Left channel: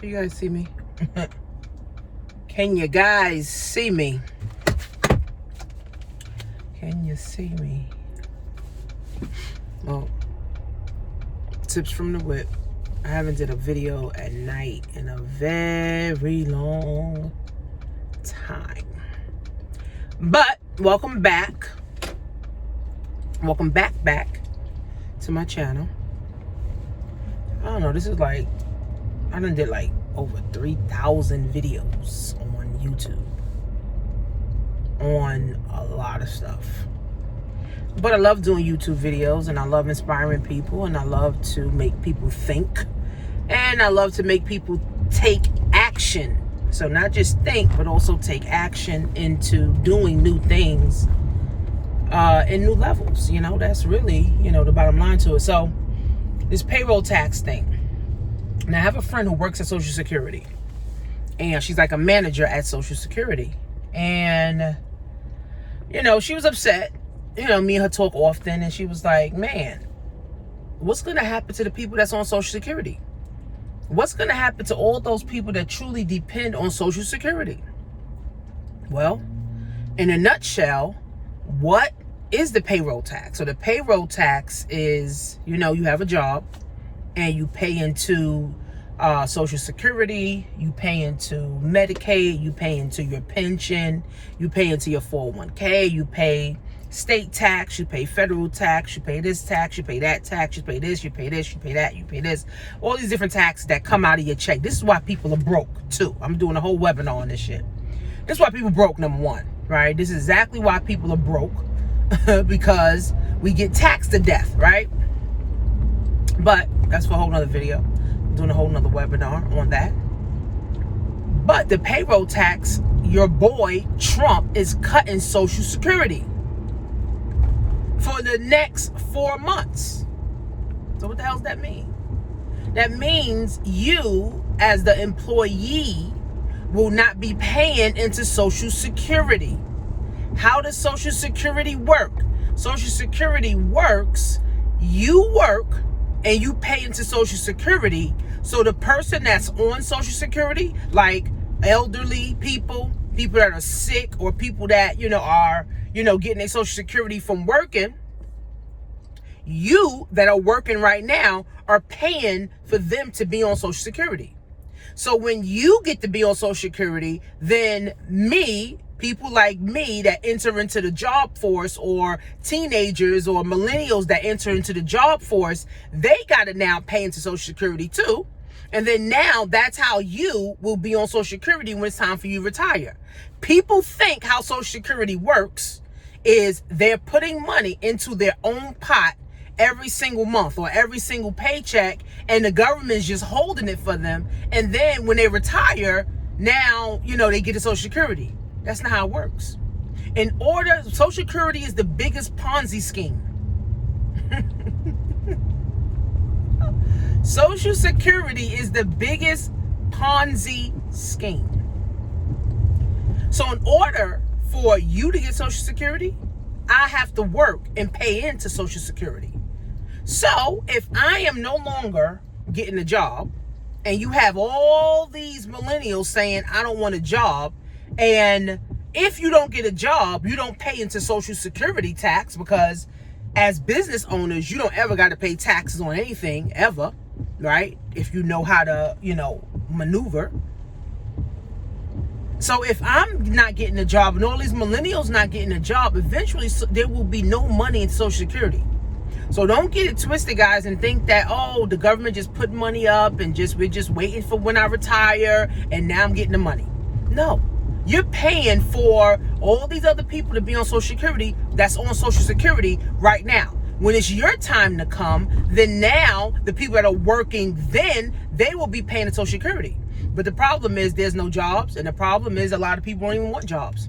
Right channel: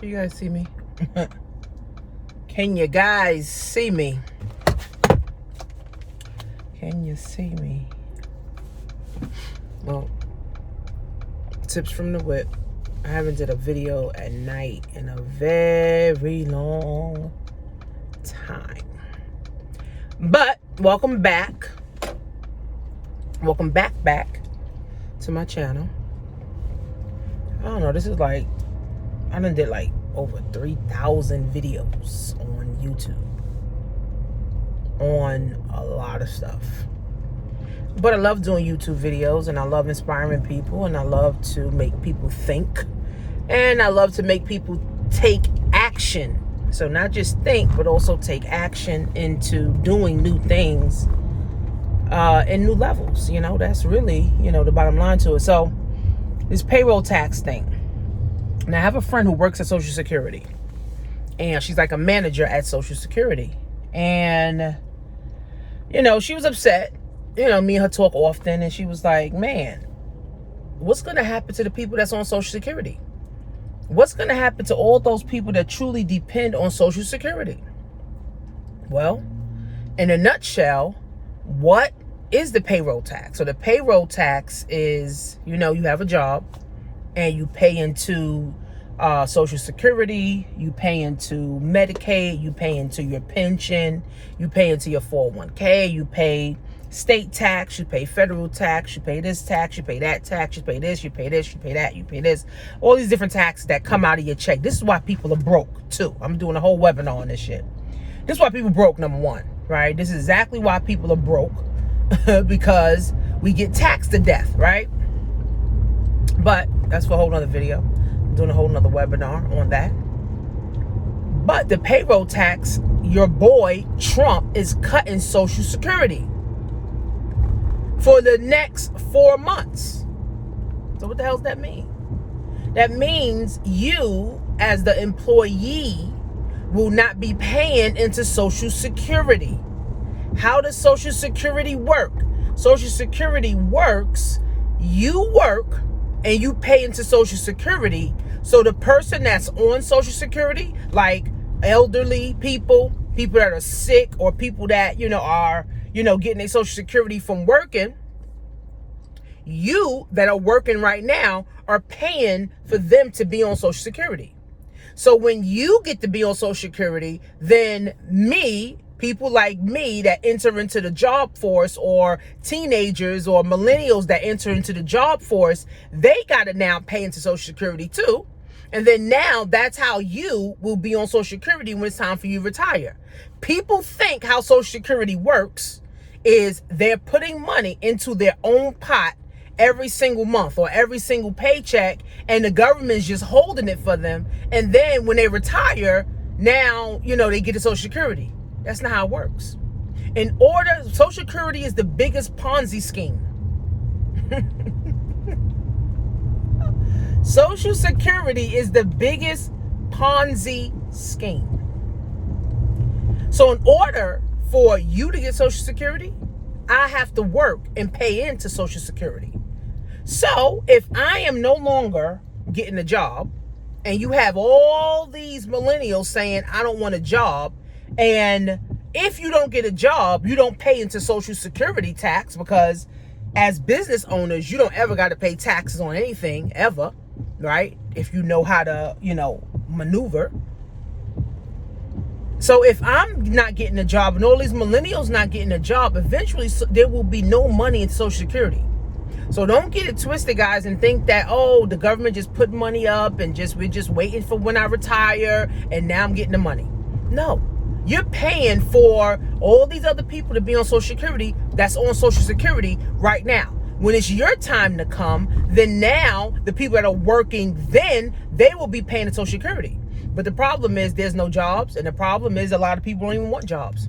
Do you guys see me? Can you guys see me? Can you see me? Well, tips from the whip. I haven't did a video at night in a very long time. But welcome back. Welcome back to my channel. I don't know, this is like, I done did like over 3,000 videos on YouTube on a lot of stuff. But I love doing YouTube videos, and I love inspiring people, and I love to make people think, and I love to make people take action. So not just think, but also take action into doing new things in new levels. You know, that's really, the bottom line to it. So this payroll tax thing. Now I have a friend who works at Social Security, and she's like a manager at Social Security. And, she was upset. Me and her talk often, and she was like, man, what's going to happen to the people that's on Social Security? What's going to happen to all those people that truly depend on Social Security? Well, in a nutshell, what is the payroll tax? So the payroll tax is, you have a job and you pay into Social Security, you pay into Medicaid, you pay into your pension, you pay into your 401k, you pay state tax, you pay federal tax, you pay this tax, you pay that tax, you pay this, you pay this, you pay that, you pay this. All these different taxes that come out of your check. This is why people are broke too. I'm doing a whole webinar on this shit. This is why people broke, number one, right? This is exactly why people are broke. Because we get taxed to death, right? But that's for a whole nother video. I'm doing a whole nother webinar on that. But the payroll tax, your boy Trump is cutting Social Security for the next 4 months. So what the hell does that mean? That means you, as the employee, will not be paying into Social Security. How does Social Security work? Social Security works, you work and you pay into Social Security. So the person that's on Social Security, like elderly people that are sick, or people that, are, getting their Social Security from working, you that are working right now are paying for them to be on Social Security. So when you get to be on Social Security, then people like me that enter into the job force, or teenagers or millennials that enter into the job force, they got to now pay into Social Security too. And then now that's how you will be on Social Security when it's time for you to retire. People think how Social Security works is they're putting money into their own pot every single month or every single paycheck, and the government's just holding it for them. And then when they retire, now, they get to Social Security. That's not how it works. Social Security is the biggest Ponzi scheme. Social Security is the biggest Ponzi scheme. So in order for you to get Social Security, I have to work and pay into Social Security. So if I am no longer getting a job, and you have all these millennials saying, I don't want a job, and if you don't get a job, you don't pay into Social Security tax, because as business owners, you don't ever got to pay taxes on anything, ever, right? If you know how to, maneuver. So if I'm not getting a job and all these millennials not getting a job, eventually there will be no money in Social Security. So don't get it twisted, guys, and think that, the government just put money up and we're just waiting for when I retire and now I'm getting the money. No. You're paying for all these other people to be on Social Security that's on Social Security right now. When it's your time to come, then now the people that are working then, they will be paying the Social Security. But the problem is there's no jobs, and the problem is a lot of people don't even want jobs.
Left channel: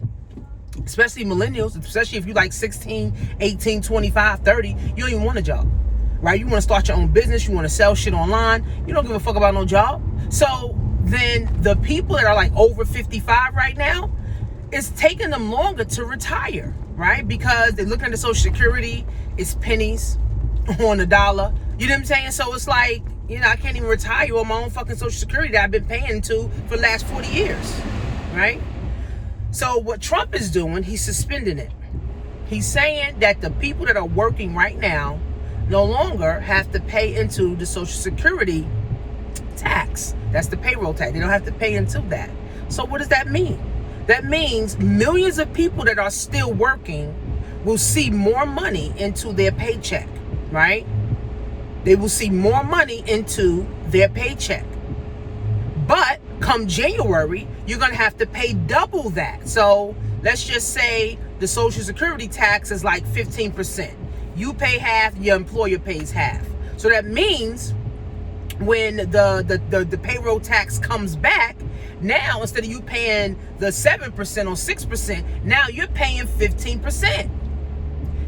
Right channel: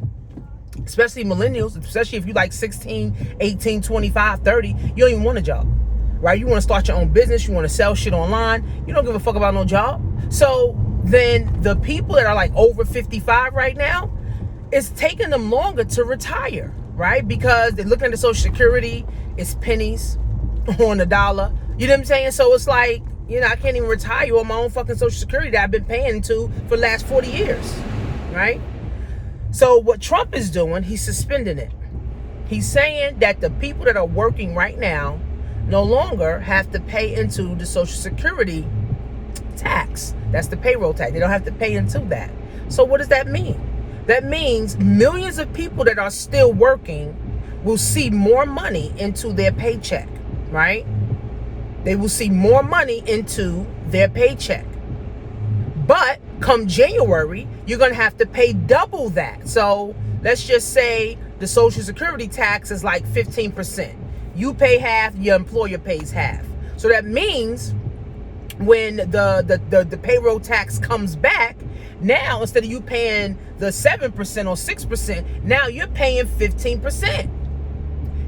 Especially millennials, especially if you like 16, 18, 25, 30, you don't even want a job, right? You want to start your own business, you want to sell shit online, you don't give a fuck about no job. So then the people that are like over 55 right now, it's taking them longer to retire, right? Because they're looking at the Social Security, it's pennies on the dollar. You know what I'm saying? So it's like, I can't even retire on my own fucking Social Security that I've been paying to for the last 40 years, right? So what Trump is doing, he's suspending it. He's saying that the people that are working right now no longer have to pay into the Social Security tax. That's the payroll tax. They don't have to pay into that. So what does that mean? That means millions of people that are still working will see more money into their paycheck, right? They will see more money into their paycheck. But come January, you're going to have to pay double that. So let's just say the Social Security tax is like 15%. You pay half, your employer pays half. So that means when the payroll tax comes back, now instead of you paying the 7% or 6%, now you're paying 15%.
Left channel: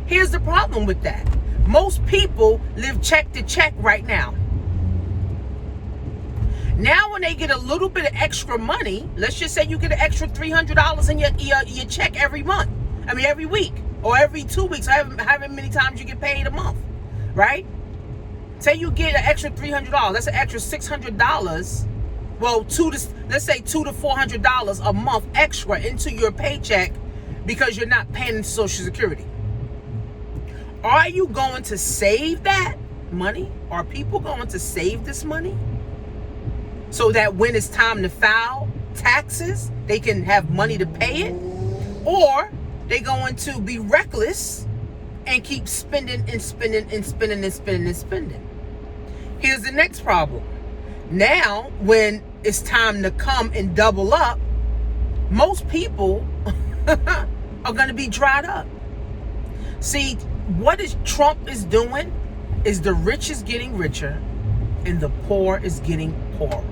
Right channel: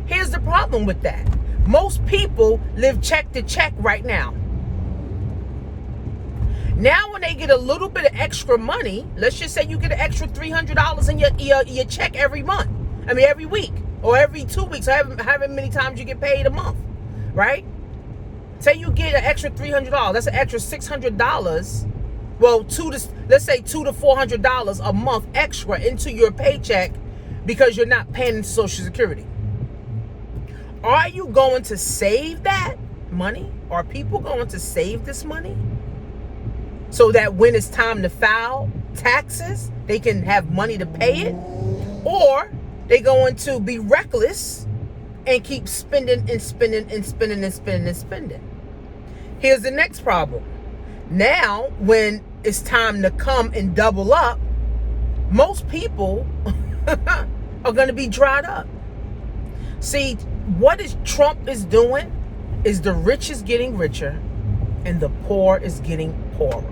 Here's the problem with that. Most people live check to check right now. Now when they get a little bit of extra money, let's just say you get an extra $300 in your check every month. I mean every week or every 2 weeks, or however many times you get paid a month, right? Say you get an extra $300, that's an extra $600. Well, let's say $200 to $400 a month extra into your paycheck because you're not paying into Social Security. Are you going to save that money? Are people going to save this money so that when it's time to file taxes, they can have money to pay it? Or they're going to be reckless and keep spending and spending and spending and spending and spending? Here's the next problem. Now, when it's time to come and double up, most people are going to be dried up. See, what Trump is doing is the rich is getting richer and the poor is getting poorer.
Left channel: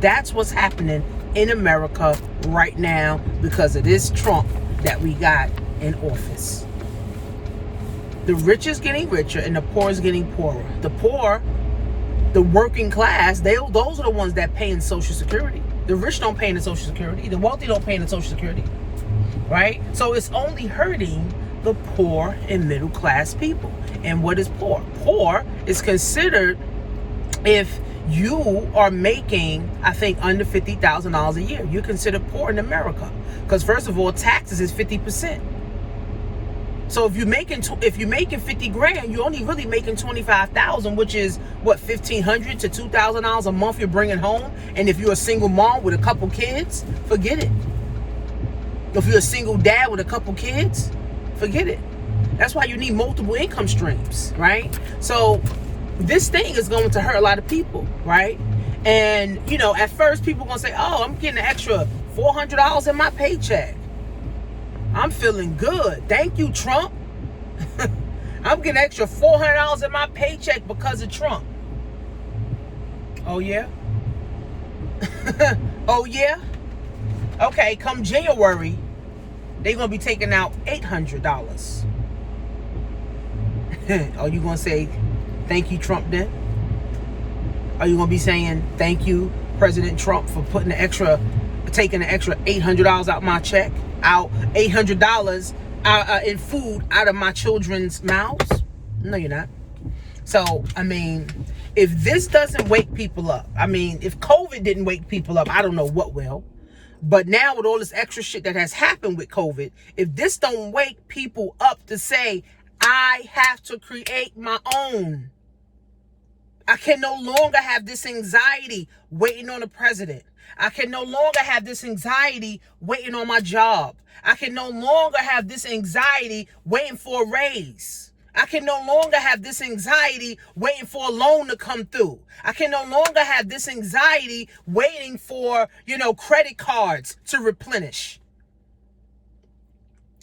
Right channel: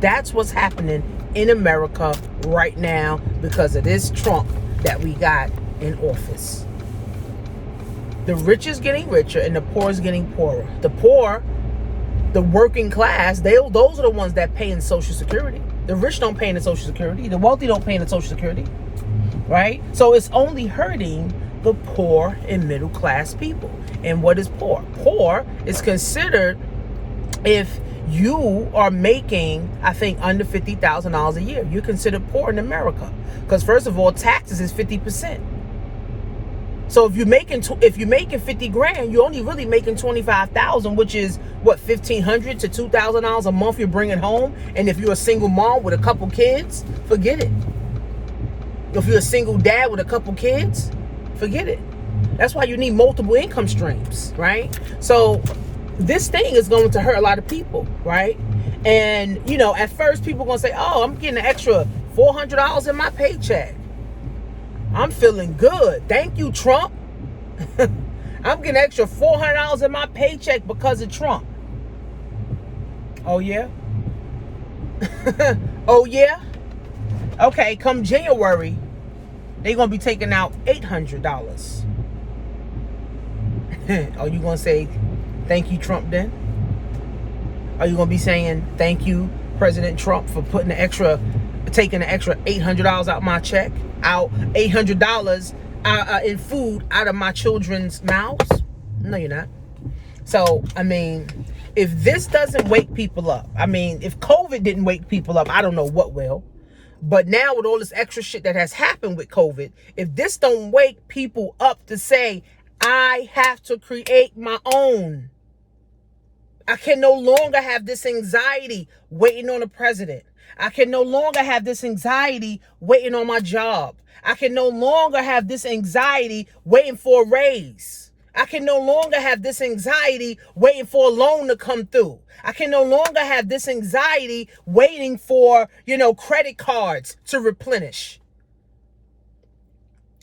That's what's happening in America right now because of this Trump that we got in office. The rich is getting richer and the poor is getting poorer. The poor, the working class, those are the ones that pay in Social Security. The rich don't pay in the Social Security. The wealthy don't pay in the Social Security, right? So it's only hurting the poor and middle class people. And what is poor? Poor is considered if you are making, I think, under $50,000 a year. You're considered poor in America because first of all, taxes is 50%. So if you're making 50 grand, you're only really making 25,000, which is what, $1,500 to $2,000 a month you're bringing home. And if you're a single mom with a couple kids, forget it. If you're a single dad with a couple kids, forget it. That's why you need multiple income streams, right? So this thing is going to hurt a lot of people, right? And, at first people are going to say, oh, I'm getting an extra $400 in my paycheck. I'm feeling good. Thank you, Trump. I'm getting an extra $400 in my paycheck because of Trump. Oh, yeah? Oh, yeah? Okay, come January, they're going to be taking out $800. Are you going to say, thank you, Trump, then? Are you going to be saying, thank you, President Trump, for taking an extra $800 out my check? Out $800 in food out of my children's mouths? No, you're not. So, if this doesn't wake people up, if COVID didn't wake people up, I don't know what will. But now with all this extra shit that has happened with COVID, if this don't wake people up to say, I have to create my own. I can no longer have this anxiety waiting on the president. I can no longer have this anxiety waiting on my job. I can no longer have this anxiety waiting for a raise. I can no longer have this anxiety waiting for a loan to come through. I can no longer have this anxiety waiting for, credit cards to replenish.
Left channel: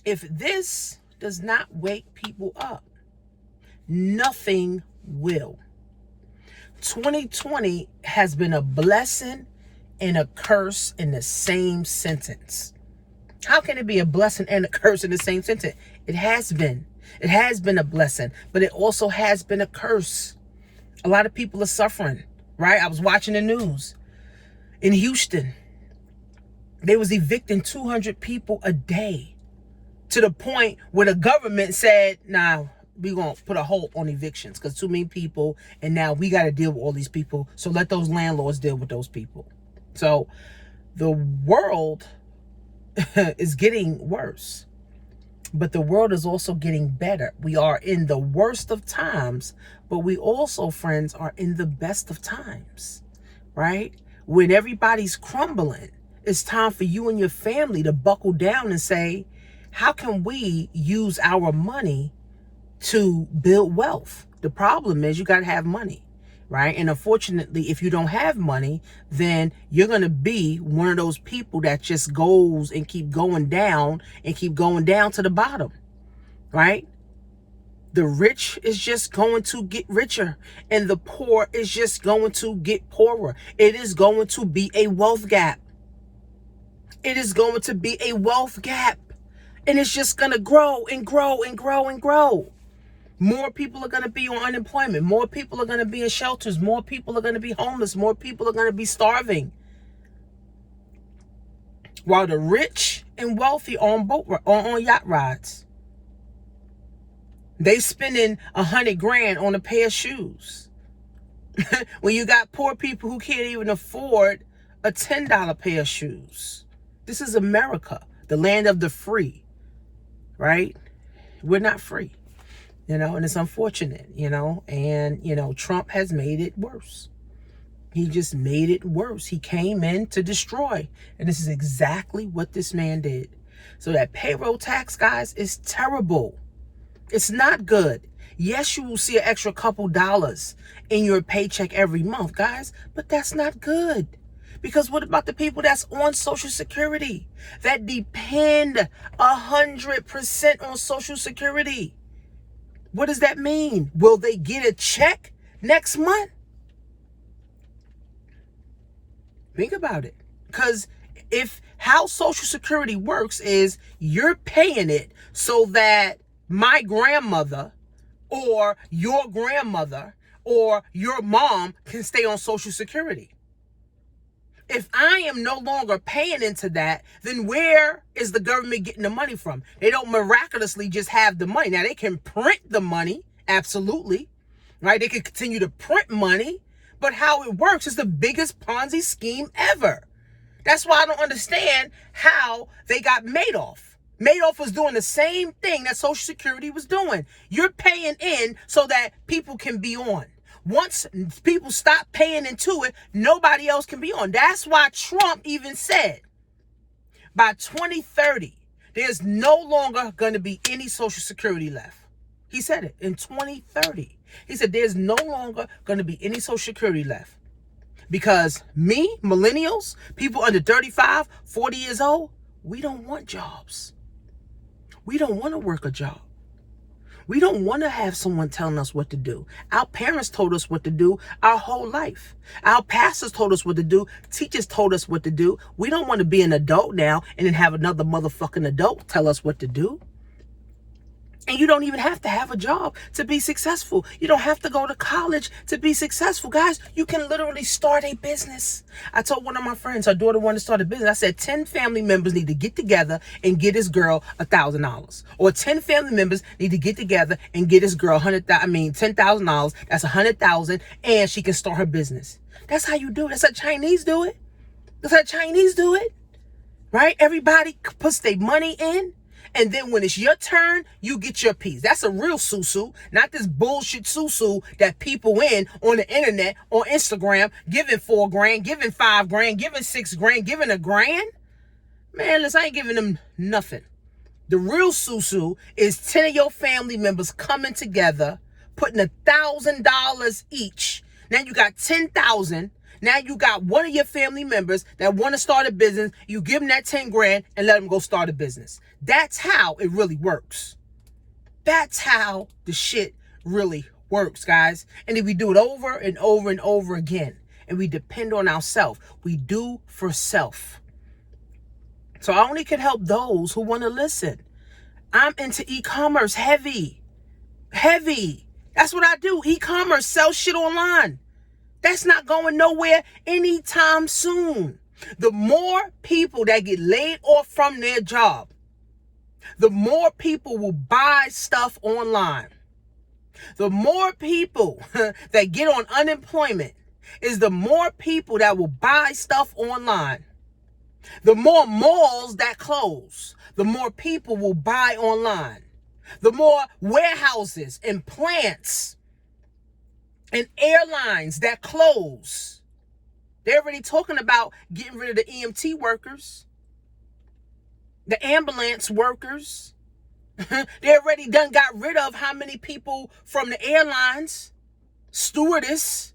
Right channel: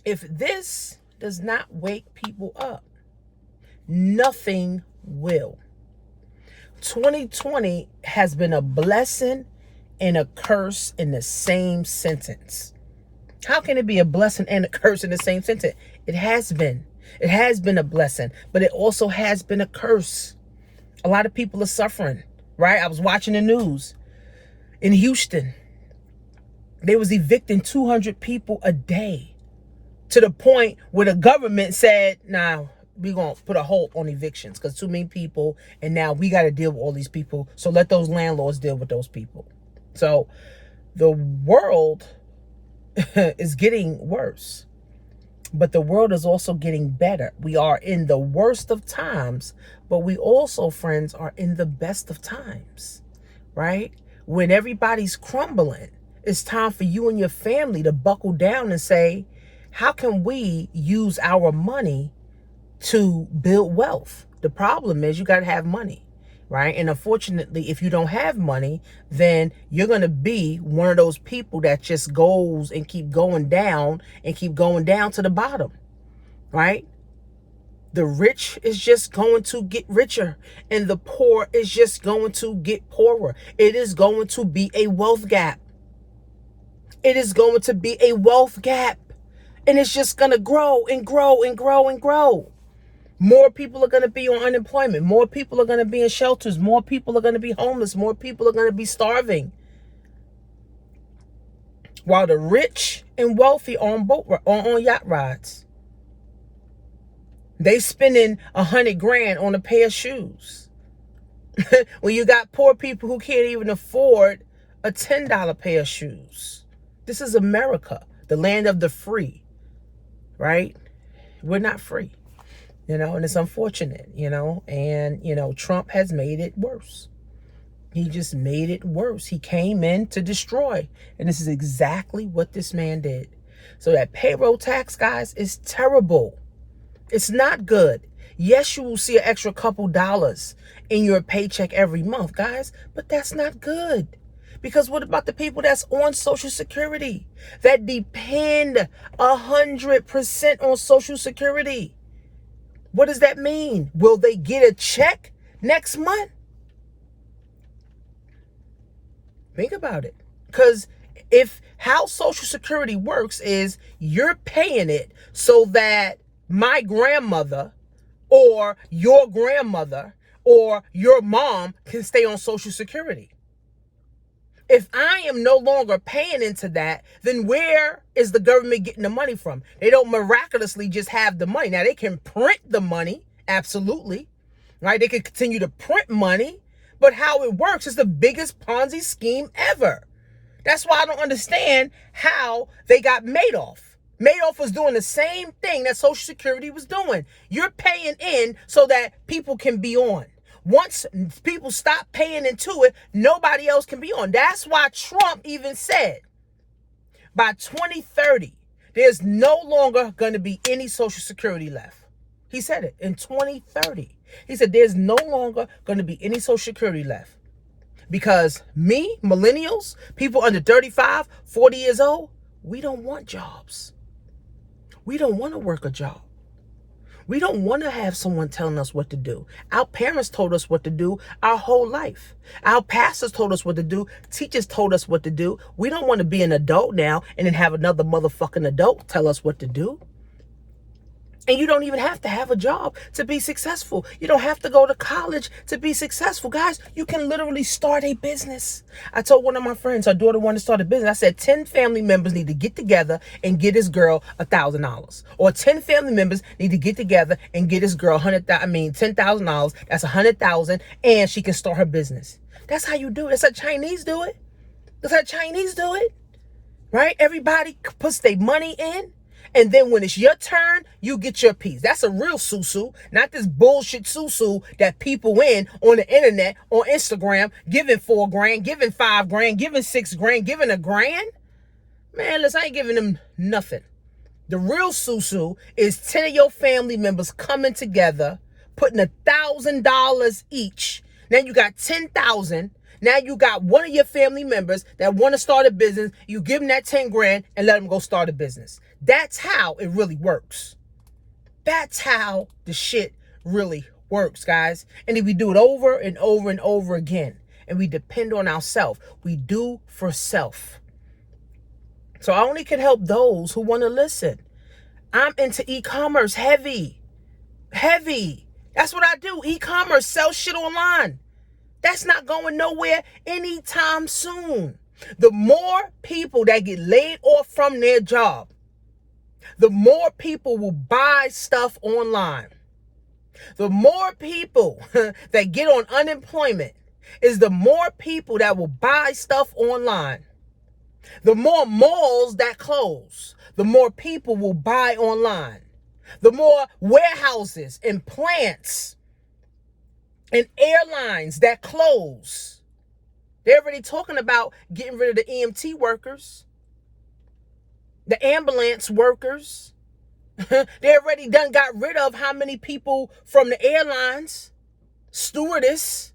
If this does not wake people up, nothing will. 2020 has been a blessing and a curse in the same sentence. How can it be a blessing and a curse in the same sentence? It has been. It has been a blessing, but it also has been a curse. A lot of people are suffering, right? I was watching the news in Houston. They was evicting 200 people a day to the point where the government said, nah, gonna put a halt on evictions because too many people, and now we got to deal with all these people. So let those landlords deal with those people. So the world is getting worse, but the world is also getting better. We are in the worst of times, but we also, friends, are in the best of times, right? When everybody's crumbling, it's time for you and your family to buckle down and say, how can we use our money to build wealth? The problem is you got to have money, right? And unfortunately, if you don't have money, then you're going to be one of those people that just goes and keep going down to the bottom, right? The rich is just going to get richer and the poor is just going to get poorer. It is going to be a wealth gap. It is going to be a wealth gap. And it's just going to grow and grow and grow and grow. More people are going to be on unemployment. More people are going to be in shelters. More people are going to be homeless. More people are going to be starving. While the rich and wealthy are on yacht rides. They spending $100,000 on a pair of shoes. When you got poor people who can't even afford a $10 pair of shoes. This is America, the land of the free, right? We're not free, and it's unfortunate, and, Trump has made it worse. He just made it worse. He came in to destroy, and this is exactly what this man did. So that payroll tax, guys, is terrible. It's not good. Yes, you will see an extra couple dollars in your paycheck every month, guys, but that's not good. Because what about the people that's on Social Security, that depend 100% on Social Security? What does that mean? Will they get a check next month? Think about it. Because if how Social Security works is you're paying it so that my grandmother or your grandmother or your mom can stay on Social Security. If I am no longer paying into that, then where is the government getting the money from? They don't miraculously just have the money. Now, they can print the money, absolutely, right? They can continue to print money, but how it works is the biggest Ponzi scheme ever. That's why I don't understand how they got Madoff. Madoff was doing the same thing that Social Security was doing. You're paying in so that people can be on. Once people stop paying into it, nobody else can be on. That's why Trump even said by 2030, there's no longer going to be any Social Security left. He said it in 2030. He said there's no longer going to be any Social Security left. Because me, millennials, people under 35, 40 years old, we don't want jobs. We don't want to work a job. We don't want to have someone telling us what to do. Our parents told us what to do our whole life. Our pastors told us what to do. Teachers told us what to do. We don't want to be an adult now and then have another motherfucking adult tell us what to do. And you don't even have to have a job to be successful. You don't have to go to college to be successful. Guys, you can literally start a business. I told one of my friends, her daughter wanted to start a business. I said 10 family members need to get together and get this girl $1,000. Or 10 family members need to get together and get this girl $10,000. That's $100,000 and she can start her business. That's how you do it. That's how Chinese do it. That's how Chinese do it. Right? Everybody puts their money in. And then when it's your turn, you get your piece. That's a real susu, not this bullshit susu that people in on the internet, on Instagram, giving $4,000, giving $5,000, giving $6,000, giving $1,000. Man, listen, I ain't giving them nothing. The real susu is 10 of your family members coming together, putting $1,000 each. Now you got 10,000. Now you got one of your family members that want to start a business. You give them that 10 grand and let them go start a business. That's how it really works. That's how the shit really works, guys. And if we do it over and over and over again, and we depend on ourselves, we do for self. So I only can help those who want to listen. I'm into e-commerce heavy. That's what I do. E-commerce, sell shit online. That's not going nowhere anytime soon. The more people that get laid off from their job, the more people will buy stuff online. The more people that get on unemployment is the more people that will buy stuff online. The more malls that close, the more people will buy online. The more warehouses and plants and airlines that close. They're already talking about getting rid of the EMT workers, the ambulance workers. They already got rid of how many people from the airlines, stewardess,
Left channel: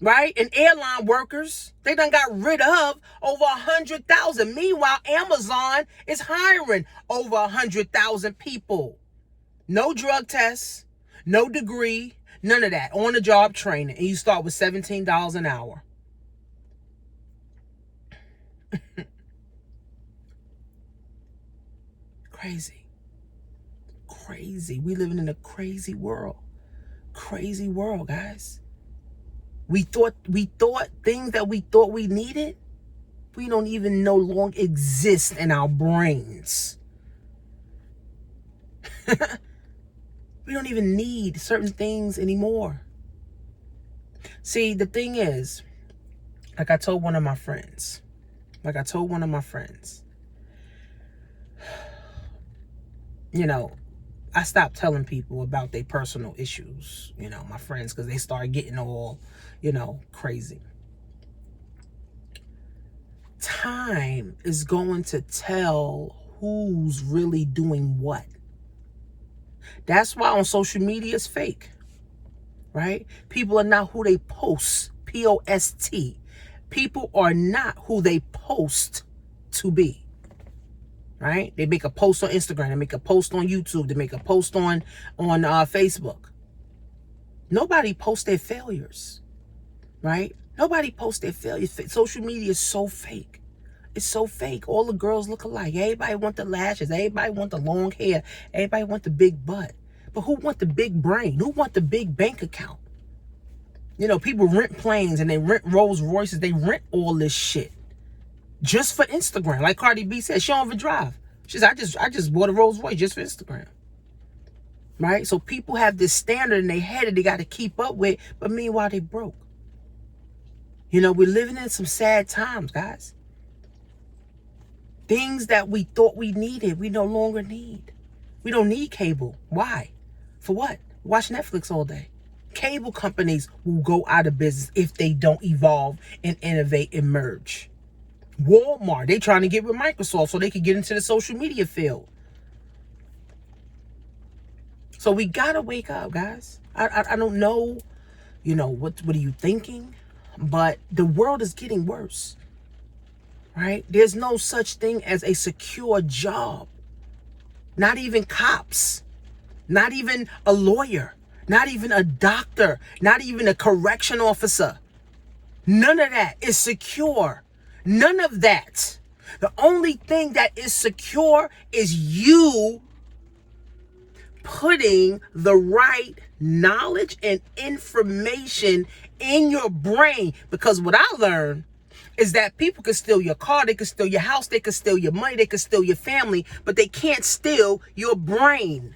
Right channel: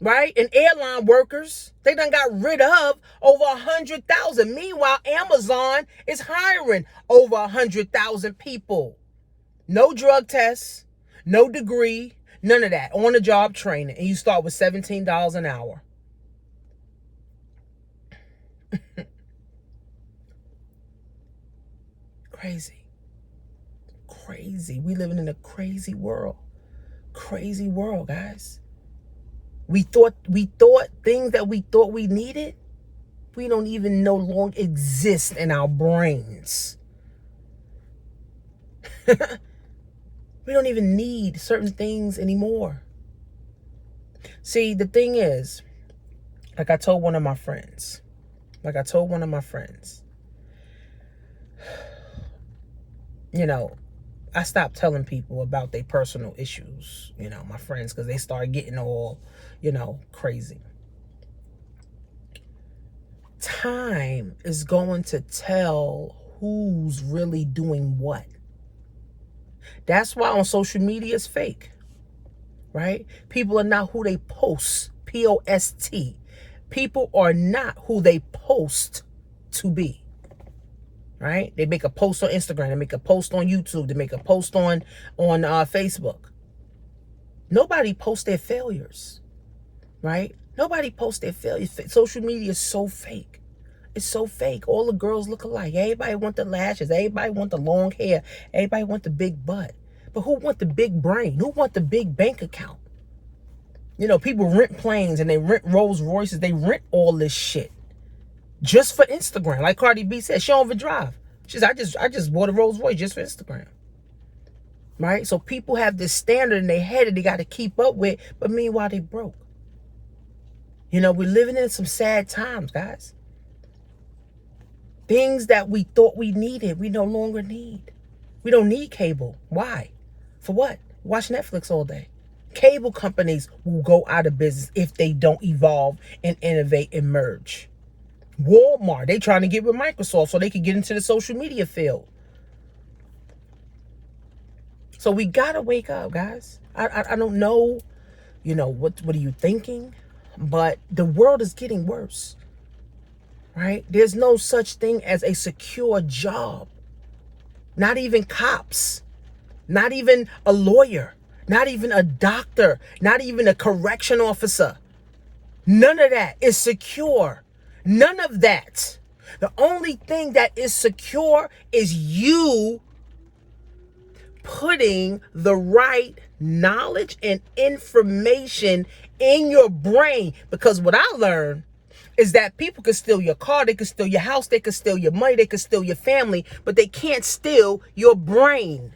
right? And airline workers. They done got rid of over 100,000. Meanwhile, Amazon is hiring over 100,000 people. No drug tests, no degree, none of that. On the job training. And you start with $17 an hour. Crazy. Crazy. We living in a crazy world. Crazy world, guys. We thought things that we thought we needed, we don't even no longer exist in our brains. We don't even need certain things anymore. See, the thing is, like I told one of my friends, you know, I stopped telling people about their personal issues, my friends, because they started getting all, crazy. Time is going to tell who's really doing what. That's why on social media it's fake, right? People are not who they post, P-O-S-T. People are not who they post to be. Right? They make a post on Instagram. They make a post on YouTube. They make a post on Facebook. Nobody posts their failures. Right? Nobody posts their failures. Social media is so fake. It's so fake. All the girls look alike. Everybody want the lashes. Everybody want the long hair. Everybody want the big butt. But who want the big brain? Who want the big bank account? People rent planes and they rent Rolls Royces. They rent all this shit. Just for Instagram. Like Cardi B said, she don't even drive. She said, I just bought a Rolls Royce just for Instagram. Right? So people have this standard in their head that they got to keep up with, but meanwhile they broke. We're living in some sad times, guys. Things that we thought we needed, we no longer need. We don't need cable. Why? For what? Watch Netflix all day. Cable companies will go out of business if they don't evolve and innovate and merge. Walmart, they trying to get with Microsoft so they can get into the social media field. So we gotta wake up, guys. I don't know, what are you thinking? But the world is getting worse, right? There's no such thing as a secure job. Not even cops, not even a lawyer, not even a doctor, not even a correction officer. None of that is secure. None of that. The only thing that is secure is you putting the right knowledge and information in your brain. Because what I learned is that people can steal your car, they can steal your house, they can steal your money, they can steal your family, but they can't steal your brain.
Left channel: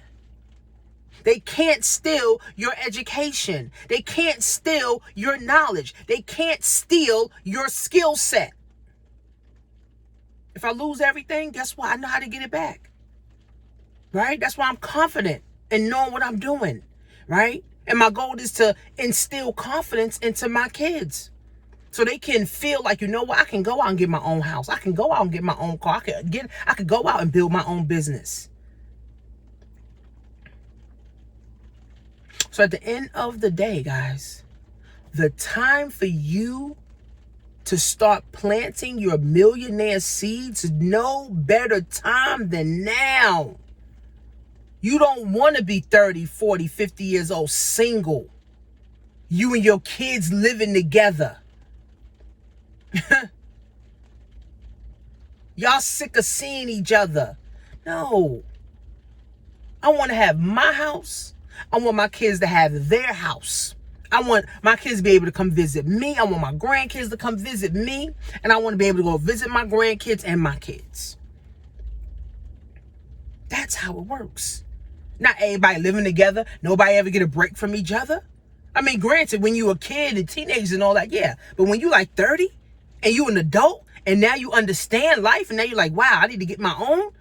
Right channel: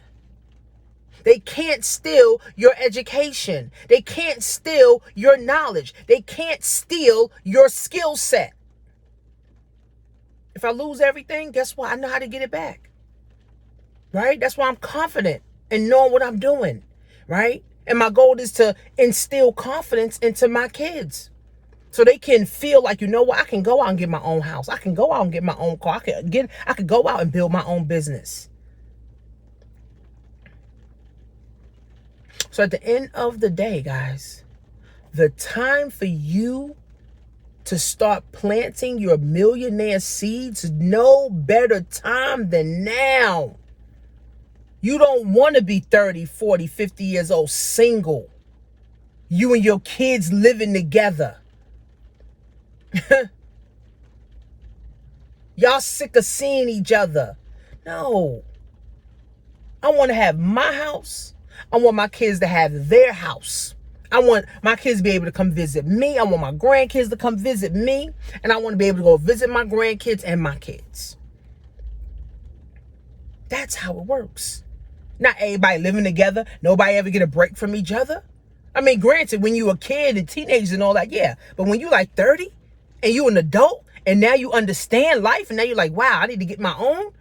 They can't steal your education. They can't steal your knowledge. They can't steal your skill set. If I lose everything, guess what? I know how to get it back. Right? That's why I'm confident in knowing what I'm doing. Right? And my goal is to instill confidence into my kids. So they can feel like, what? I can go out and get my own house. I can go out and get my own car. I can go out and build my own business. So at the end of the day, guys, the time for you to start planting your millionaire seeds, no better time than now. You don't want to be 30, 40, 50 years old, single. You and your kids living together. Y'all sick of seeing each other. No. I want to have my house. I want my kids to have their house. I want my kids to be able to come visit me. I want my grandkids to come visit me. And I want to be able to go visit my grandkids and my kids. That's how it works. Not everybody living together. Nobody ever get a break from each other. I mean, granted, when you a kid and teenagers and all that, yeah. But when you like 30 and you an adult and now you understand life and now you're like, wow, I need to get my own.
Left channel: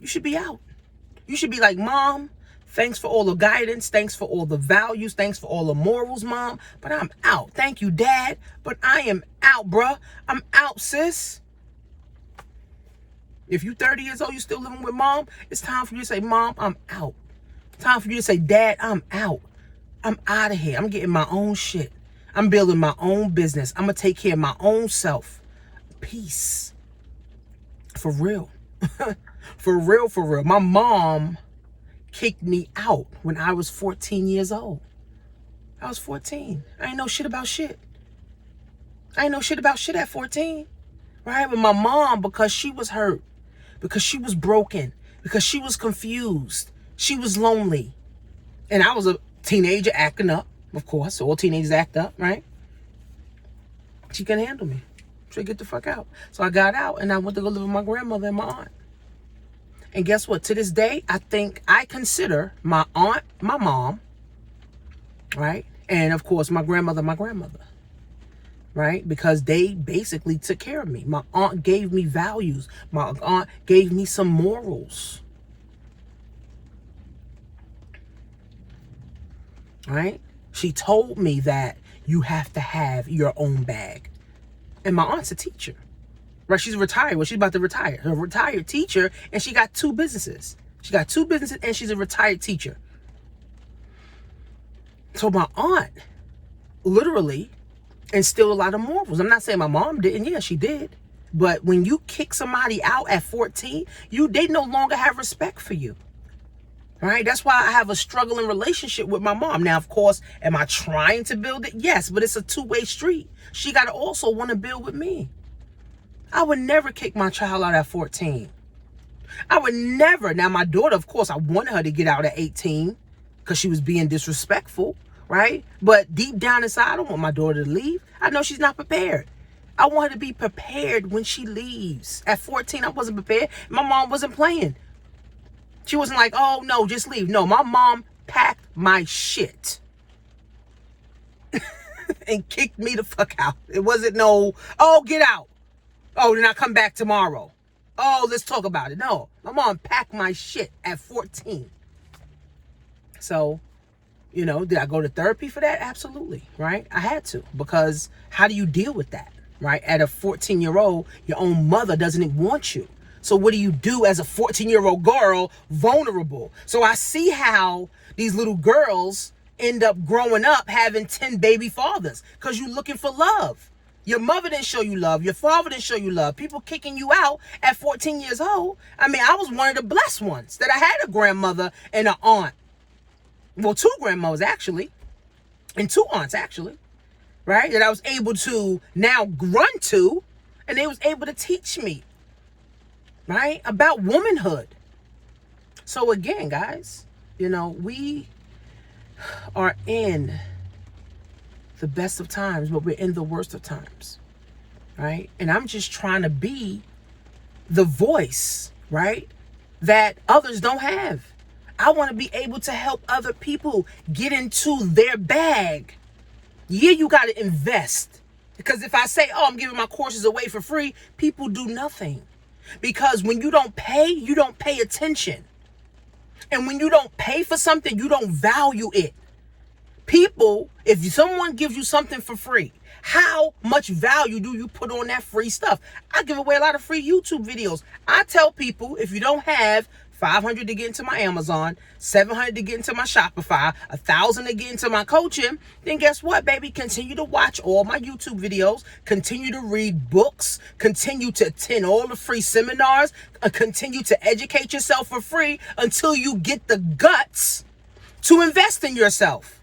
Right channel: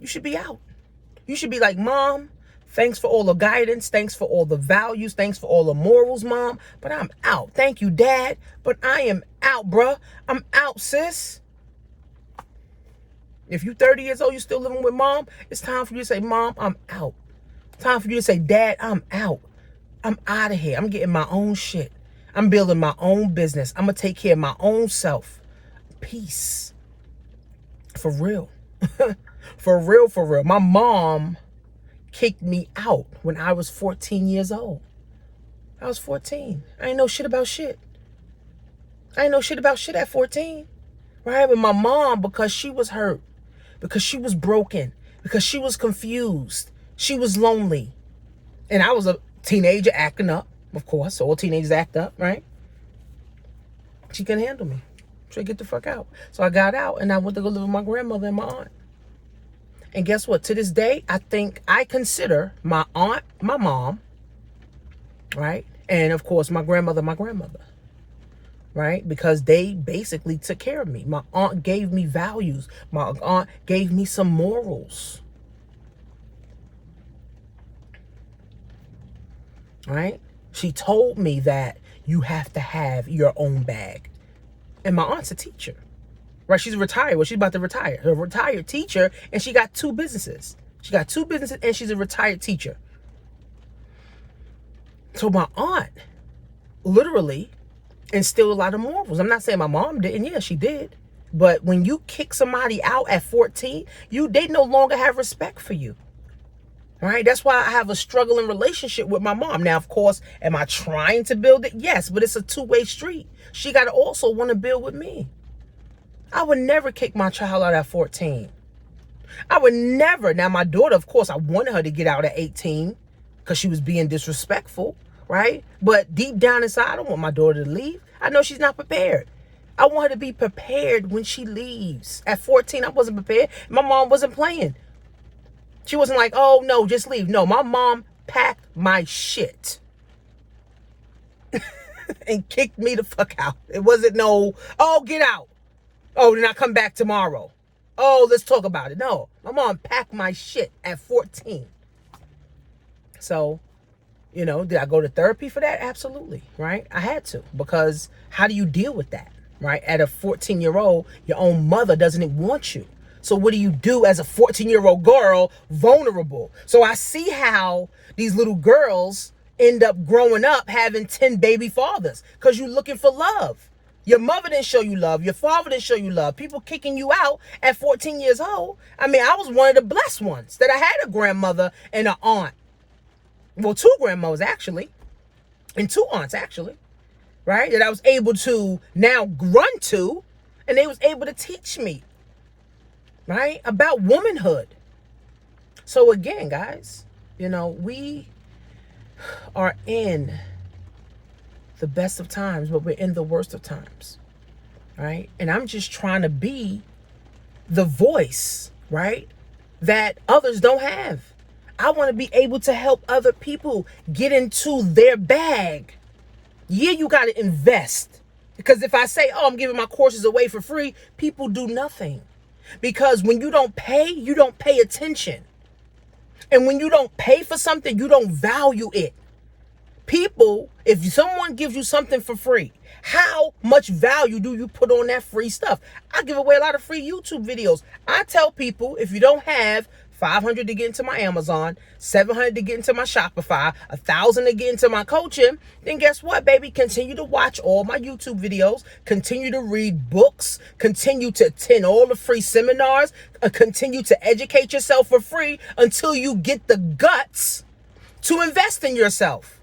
You should be out. You should be like, Mom, thanks for all the guidance. Thanks for all the values. Thanks for all the morals, Mom. But I'm out. Thank you, Dad. But I am out, bruh. I'm out, sis. If you 30 years old, you still living with Mom, it's time for you to say, Mom, I'm out. Time for you to say, Dad, I'm out. I'm out of here. I'm getting my own shit. I'm building my own business. I'm going to take care of my own self. Peace. For real. For real, for real. My mom kicked me out when I was 14 years old. I was 14. I ain't know shit about shit. I ain't know shit about shit at 14. Right? But my mom, because she was hurt, because she was broken, because she was confused, she was lonely. And I was a teenager acting up, of course. All teenagers act up, right? She couldn't handle me. She said, get the fuck out. So I got out and I went to go live with my grandmother and my aunt. And guess what? To this day, I consider my aunt my mom, right? And of course, my grandmother, right? Because they basically took care of me. My aunt gave me values. My aunt gave me some morals. Right? She told me that you have to have your own bag. And my aunt's a teacher. Right? She's retired. Well, she's about to retire. Her retired teacher, and she got 2 businesses. She got 2 businesses, and she's a retired teacher. So my aunt literally instilled a lot of morals. I'm not saying my mom didn't. Yeah, she did. But when you kick somebody out at 14, they no longer have respect for you. Right? That's why I have a struggling relationship with my mom. Now, of course, am I trying to build it? Yes, but it's a 2-way street. She got to also want to build with me. I would never kick my child out at 14. I would never. Now, my daughter, of course, I wanted her to get out at 18 because she was being disrespectful, right? But deep down inside, I don't want my daughter to leave. I know she's not prepared. I want her to be prepared when she leaves. At 14, I wasn't prepared. My mom wasn't playing. She wasn't like, oh, no, just leave. No, my mom packed my shit and kicked me the fuck out. It wasn't no, oh, get out. Oh, then I come back tomorrow. Oh, let's talk about it. No, my mom packed my shit at 14. So, did I go to therapy for that? Absolutely, right? I had to, because how do you deal with that, right? At a 14-year-old, your own mother doesn't want you. So what do you do as a 14-year-old girl, vulnerable? So I see how these little girls end up growing up having 10 baby fathers, because you're looking for love. Your mother didn't show you love. Your father didn't show you love. People kicking you out at 14 years old. I mean, I was one of the blessed ones that I had a grandmother and an aunt. Well, 2 grandmothers, actually. And 2 aunts, actually. Right? That I was able to now run to. And they was able to teach me. Right? About womanhood. So again, guys, we are in the best of times, but we're in the worst of times, right? And I'm just trying to be the voice, right, that others don't have. I want to be able to help other people get into their bag. Yeah, you got to invest, because if I say, oh, I'm giving my courses away for free, people do nothing, because when you don't pay attention. And when you don't pay for something, you don't value it. People, if someone gives you something for free, how much value do you put on that free stuff? I give away a lot of free YouTube videos. I tell people, if you don't have $500 to get into my Amazon, $700 to get into my Shopify, $1,000 to get into my coaching, then guess what, baby? Continue to watch all my YouTube videos, continue to read books, continue to attend all the free seminars, continue to educate yourself for free until you get the guts to invest in yourself.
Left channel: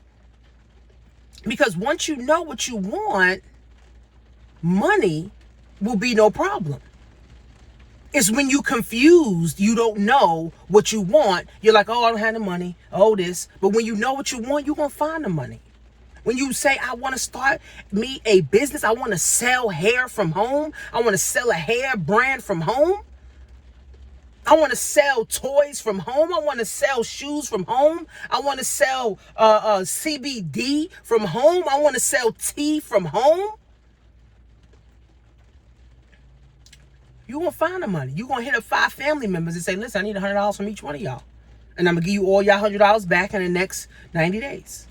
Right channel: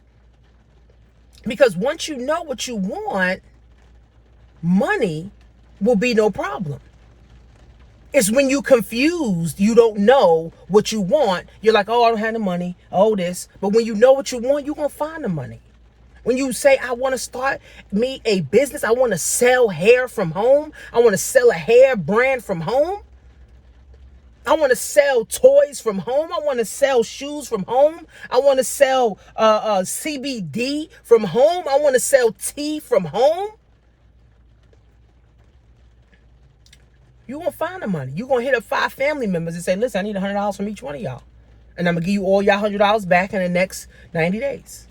Because once you know what you want, money will be no problem. It's when you confused, you don't know what you want. You're like, oh, I don't have the money. Oh, this. But when you know what you want, you're going to find the money. When you say, I want to start me a business, I want to sell hair from home, I want to sell a hair brand from home, I want to sell toys from home. I want to sell shoes from home. I want to sell CBD from home. I want to sell tea from home. You won't find the money. You're going to hit up 5 family members and say, listen, I need $100 from each one of y'all. And I'm going to give you all y'all $100 back in the next 90 days.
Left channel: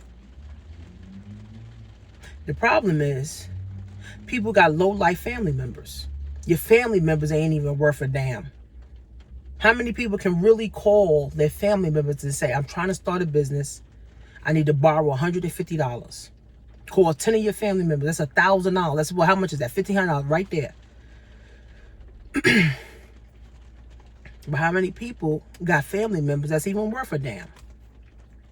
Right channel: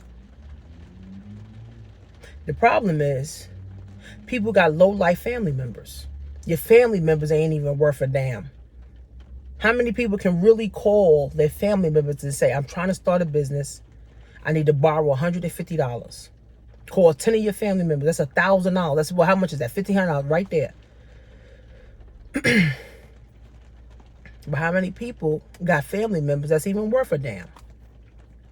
The problem is people got low-life family members. Your family members ain't even worth a damn. How many people can really call their family members and say, I'm trying to start a business. I need to borrow $150. Call 10 of your family members. That's $1,000. That's how much is that? $1,500 right there. But how many people got family members that's even worth a damn?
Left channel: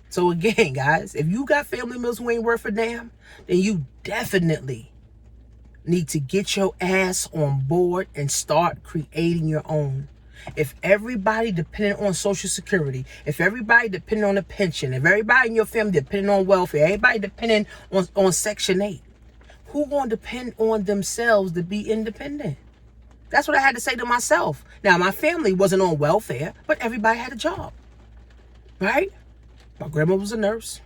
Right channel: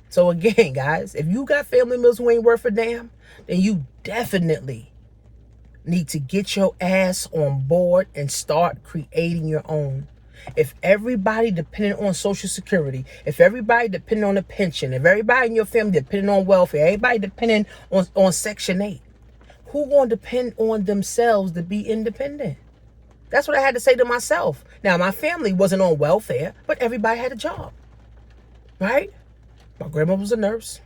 So again, guys, if you got family members who ain't worth a damn, then you definitely need to get your ass on board and start creating your own. If everybody depending on Social Security, if everybody depending on a pension, if everybody in your family depending on welfare, everybody depending on Section 8, who gonna depend on themselves to be independent? That's what I had to say to myself. Now, my family wasn't on welfare, but everybody had a job, right? My grandma was a nurse,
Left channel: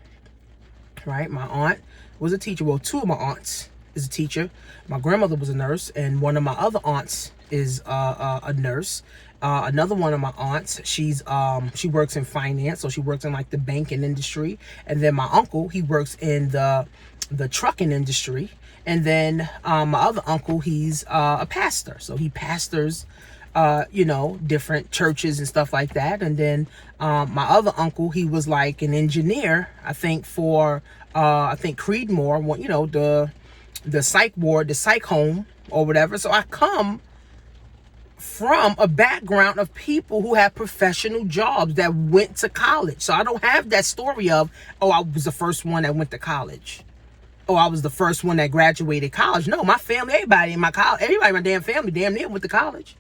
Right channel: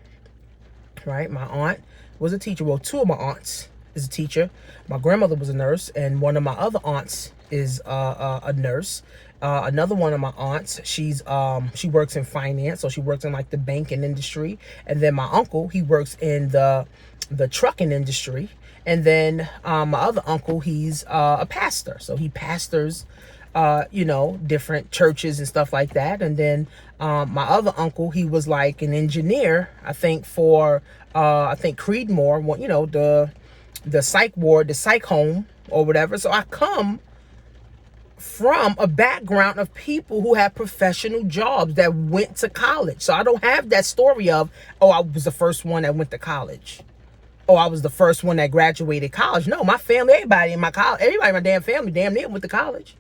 right? My aunt was a teacher. Well, 2 of my aunts is a teacher. My grandmother was a nurse, and one of my other aunts is a nurse. Another one of my aunts, she works in finance, so she works in like the banking industry. And then my uncle, he works in the trucking industry. And then my other uncle, he's a pastor, so he pastors, different churches and stuff like that. And then my other uncle, he was like an engineer, I think for Creedmoor, the psych ward, the psych home or whatever. So I come from a background of people who had professional jobs that went to college. So I don't have that story of, oh, I was the first one that went to college. Oh, I was the first one that graduated college. No, my family, everybody in my damn family damn near went to college.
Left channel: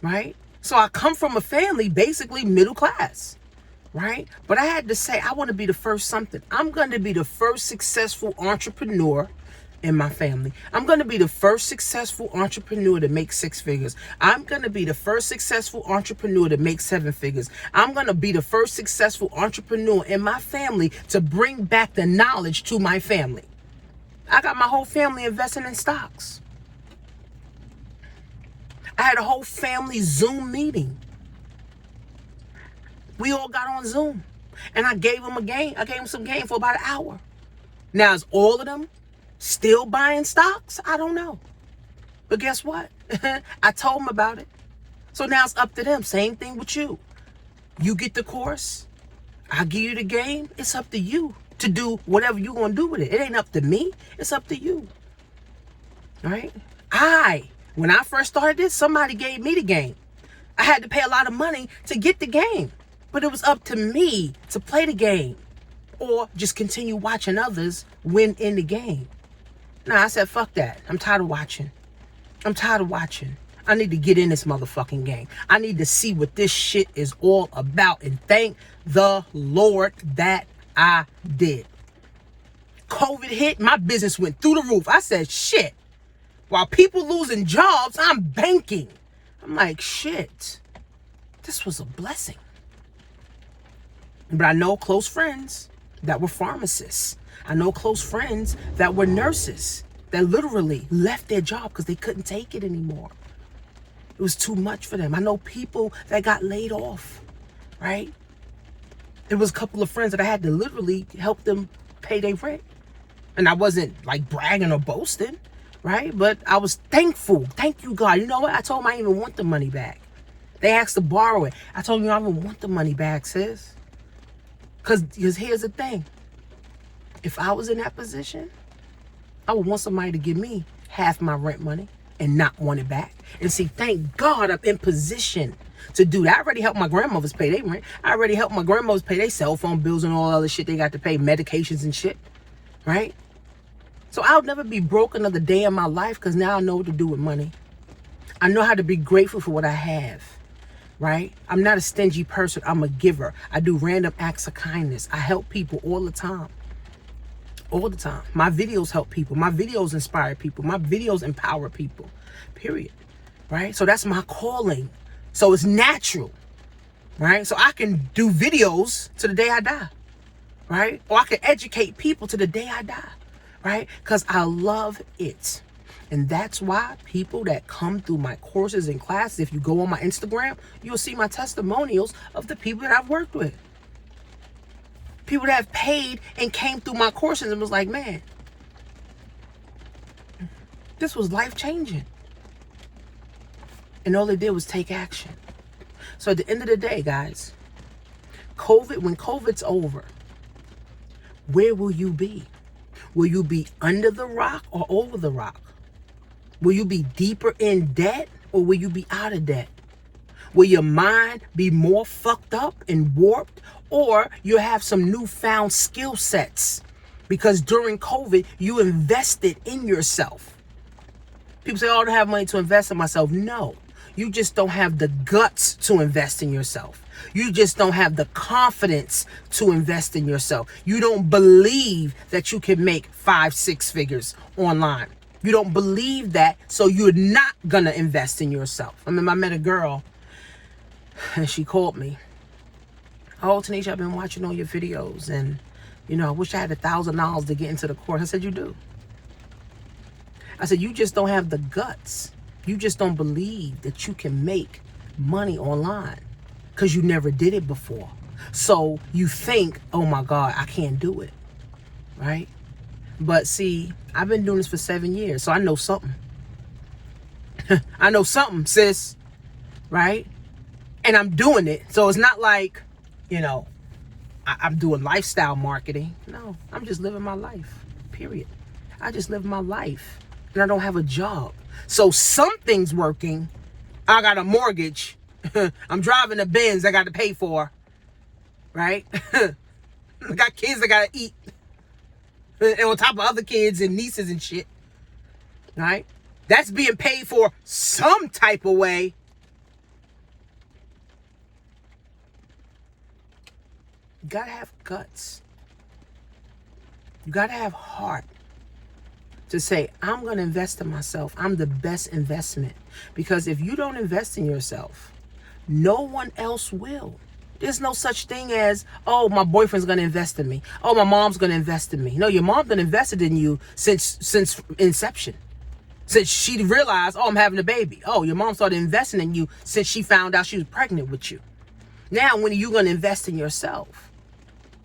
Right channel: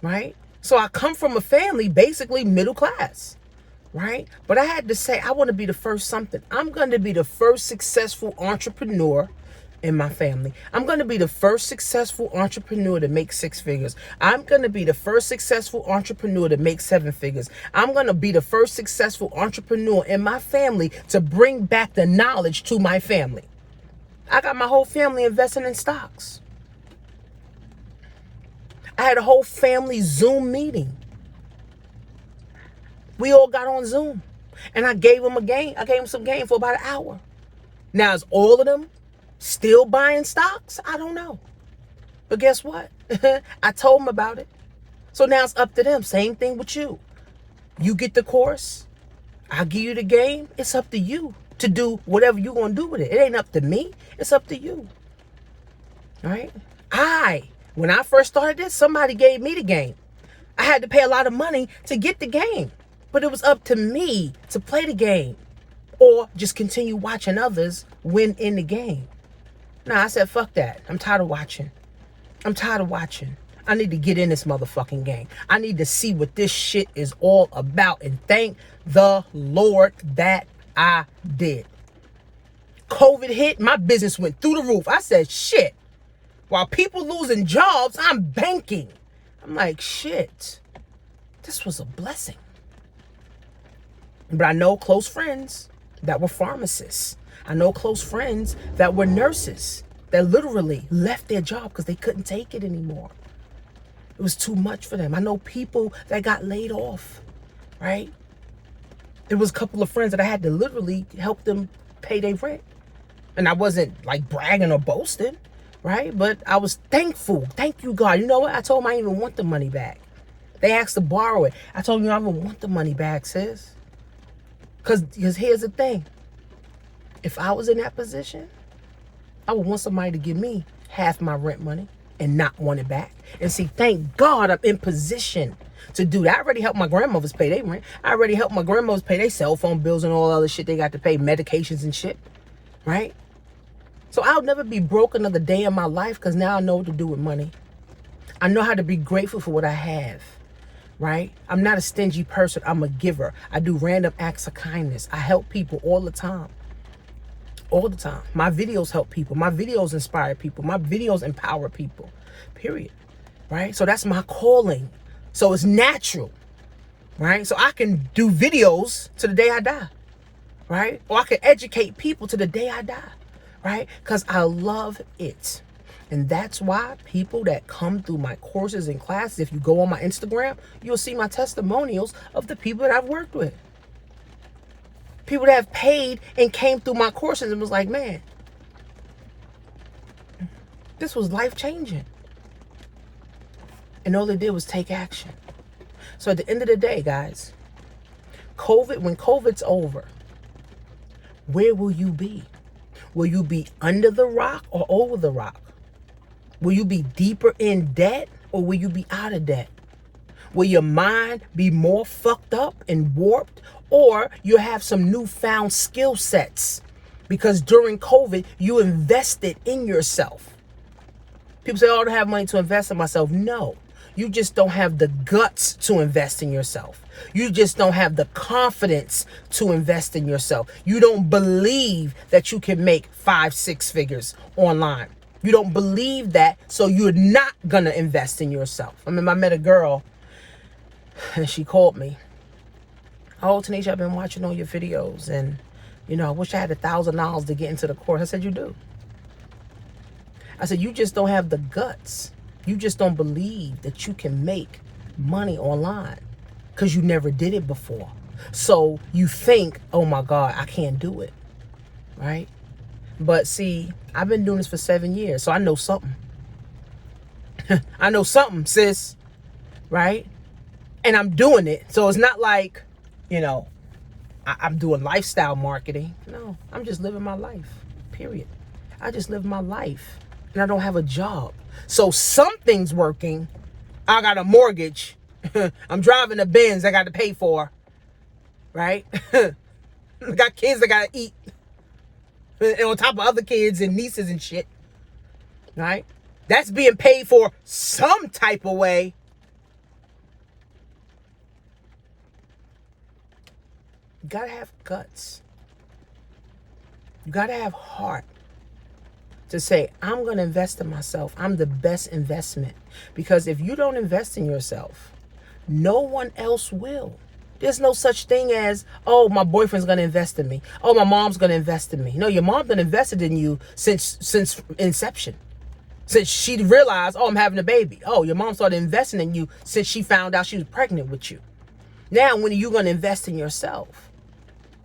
Right? So I come from a family basically middle class. Right? But I had to say, I want to be the first something. I'm going to be the first successful entrepreneur in my family. I'm going to be the first successful entrepreneur to make 6 figures. I'm going to be the first successful entrepreneur to make 7 figures. I'm going to be the first successful entrepreneur in my family to bring back the knowledge to my family. I got my whole family investing in stocks. I had a whole family Zoom meeting. We all got on Zoom, and I gave them a game. I gave them some game for about an hour. Now, is all of them still buying stocks? I don't know. But guess what? I told them about it. So now it's up to them. Same thing with you. You get the course. I give you the game. It's up to you to do whatever you're going to do with it. It ain't up to me. It's up to you. All right? When I first started this, somebody gave me the game. I had to pay a lot of money to get the game. But it was up to me to play the game or just continue watching others win in the game. Nah, I said, fuck that. I'm tired of watching. I need to get in this motherfucking game. I need to see what this shit is all about. And thank the Lord that I did. COVID hit, my business went through the roof. I said, shit. While people losing jobs, I'm banking. I'm like, shit. This was a blessing. But I know close friends that were pharmacists. I know close friends that were nurses that literally left their job because they couldn't take it anymore. It was too much for them. I know people that got laid off, right? There was a couple of friends that I had to literally help them pay their rent. And I wasn't like bragging or boasting, right? But I was thankful. Thank you, God. You know what? I told them I didn't even want the money back. They asked to borrow it. I told them I don't want the money back, sis. Because here's the thing. If I was in that position, I would want somebody to give me half my rent money and not want it back. And see, thank God I'm in position to do that. I already helped my grandmothers pay their rent. I already helped my grandmothers pay their cell phone bills and all the other shit they got to pay, medications and shit, right? So I'll never be broke another day in my life because now I know what to do with money. I know how to be grateful for what I have, right? I'm not a stingy person. I'm a giver. I do random acts of kindness. I help people all the time. All the time. My videos help people. My videos inspire people. My videos empower people, period, right? So that's my calling. So it's natural, right? So I can do videos to the day I die, right? Or I can educate people to the day I die, right? Because I love it. And that's why people that come through my courses and classes, if you go on my Instagram, you'll see my testimonials of the people that I've worked with. People that have paid and came through my courses and was like, man, this was life-changing. And all they did was take action. So at the end of the day, guys, when COVID's over, where will you be? Will you be under the rock or over the rock? Will you be deeper in debt or will you be out of debt? Will your mind be more fucked up and warped, or you have some newfound skill sets because during COVID you invested in yourself? People say, oh, I don't have money to invest in myself. No, you just don't have the guts to invest in yourself. You just don't have the confidence to invest in yourself. You don't believe that you can make 5-6 figures online. You don't believe that, so you're not gonna invest in yourself. I mean, I met a girl and she called me. Oh, Tanisha, I've been watching all your videos and, I wish I had $1,000 to get into the course. I said, you do. I said, you just don't have the guts. You just don't believe that you can make money online because you never did it before. So you think, oh my God, I can't do it, right? But see, I've been doing this for 7 years, so I know something. I know something, sis, right? And I'm doing it. So it's not like, I'm doing lifestyle marketing. No, I'm just living my life, period. I just live my life, and I don't have a job. So something's working. I got a mortgage. I'm driving a Benz I got to pay for, right? Got kids I got to eat. And on top of other kids and nieces and shit, right? That's being paid for some type of way. You gotta have guts. You gotta have heart to say, I'm gonna invest in myself. I'm the best investment. Because if you don't invest in yourself, no one else will. There's no such thing as, oh, my boyfriend's going to invest in me. Oh, my mom's going to invest in me. No, your mom done invested in you since inception. Since she realized, oh, I'm having a baby. Oh, your mom started investing in you since she found out she was pregnant with you. Now, when are you going to invest in yourself?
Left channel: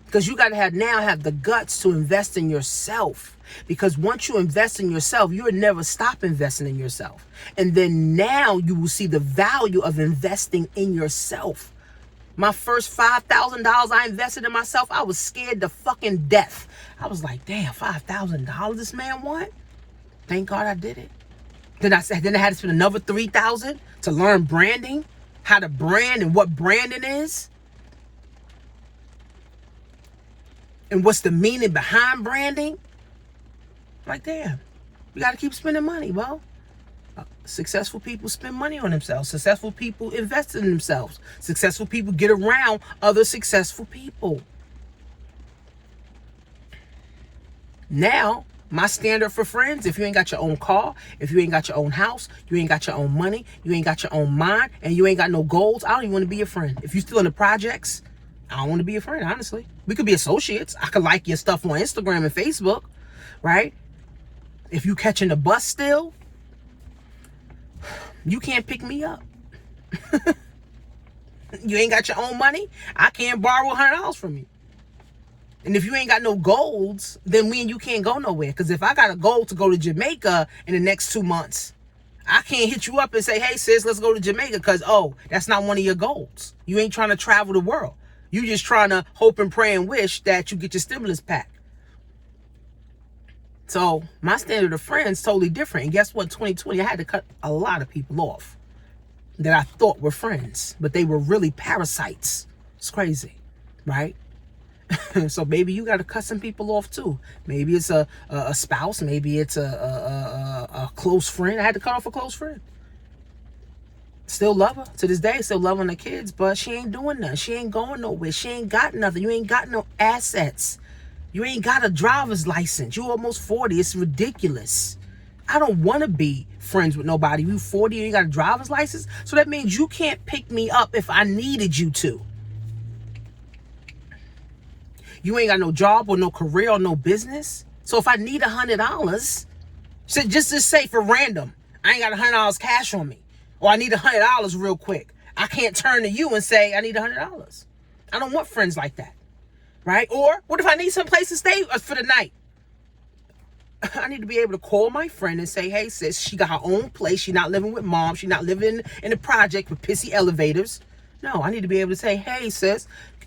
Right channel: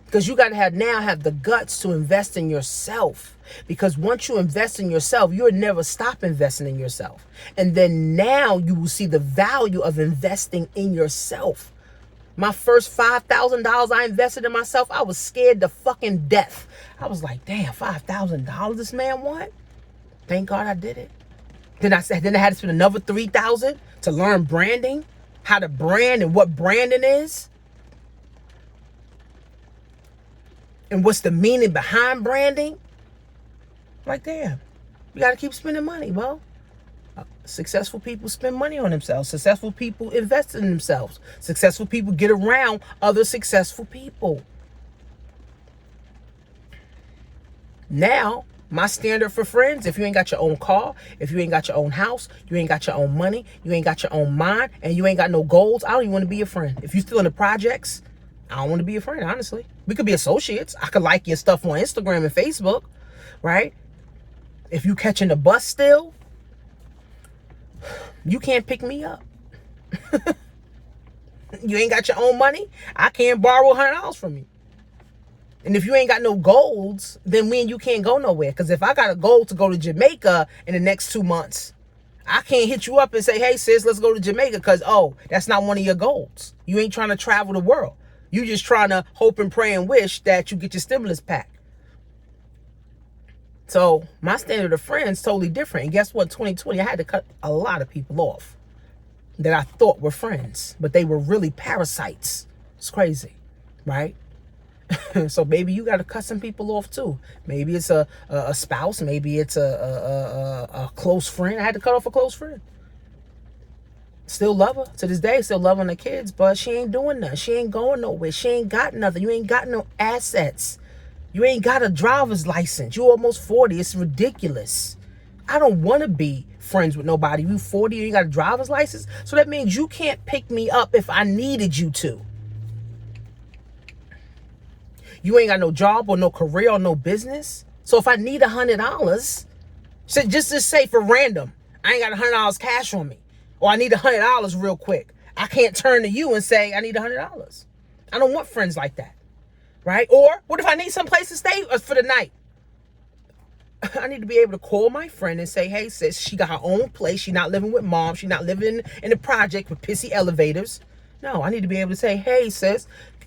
Because you got to have the guts to invest in yourself. Because once you invest in yourself, you'll never stop investing in yourself. And then now you will see the value of investing in yourself. My first $5,000 I invested in myself, I was scared to fucking death. I was like, damn, $5,000 this man want? Thank God I did it. Then I had to spend another $3,000 to learn branding, how to brand and what branding is. And what's the meaning behind branding? Like, damn, we got to keep spending money, well. Successful people spend money on themselves. Successful people invest in themselves. Successful people get around other successful people. Now, my standard for friends, if you ain't got your own car, if you ain't got your own house, you ain't got your own money, you ain't got your own mind, and you ain't got no goals, I don't even want to be your friend. If you're still in the projects, I don't want to be your friend, honestly. We could be associates. I could like your stuff on Instagram and Facebook, right? If you catching the bus still, you can't pick me up. You ain't got your own money, I can't borrow $100 from you. And if you ain't got no goals, then me and you can't go nowhere. Because if I got a goal to go to Jamaica in the next 2 months, I can't hit you up and say, hey, sis, let's go to Jamaica. Because, oh, that's not one of your goals. You ain't trying to travel the world. You just trying to hope and pray and wish that you get your stimulus pack. So my standard of friends totally different. And guess what? 2020, I had to cut a lot of people off that I thought were friends, but they were really parasites. It's crazy, right? So maybe you got to cut some people off too. Maybe it's a spouse. Maybe it's a close friend. I had to cut off a close friend. Still love her to this day. Still loving the kids, but she ain't doing nothing. She ain't going nowhere. She ain't got nothing. You ain't got no assets. You ain't got a driver's license. You almost 40. It's ridiculous. I don't want to be friends with nobody. You 40 and you got a driver's license, so that means you can't pick me up if I needed you to. You ain't got no job or no career or no business. So if I need $100, so just to say for random, I ain't got $100 cash on me, or I need $100 real quick, I can't turn to you and say I need $100. I don't want friends like that, right? Or what if I need some place to stay for the night? I need to be able to call my friend and say, hey, sis, she got her own place. She not living with mom. She not living in a project with pissy elevators. No, I need to be able to say, hey, sis,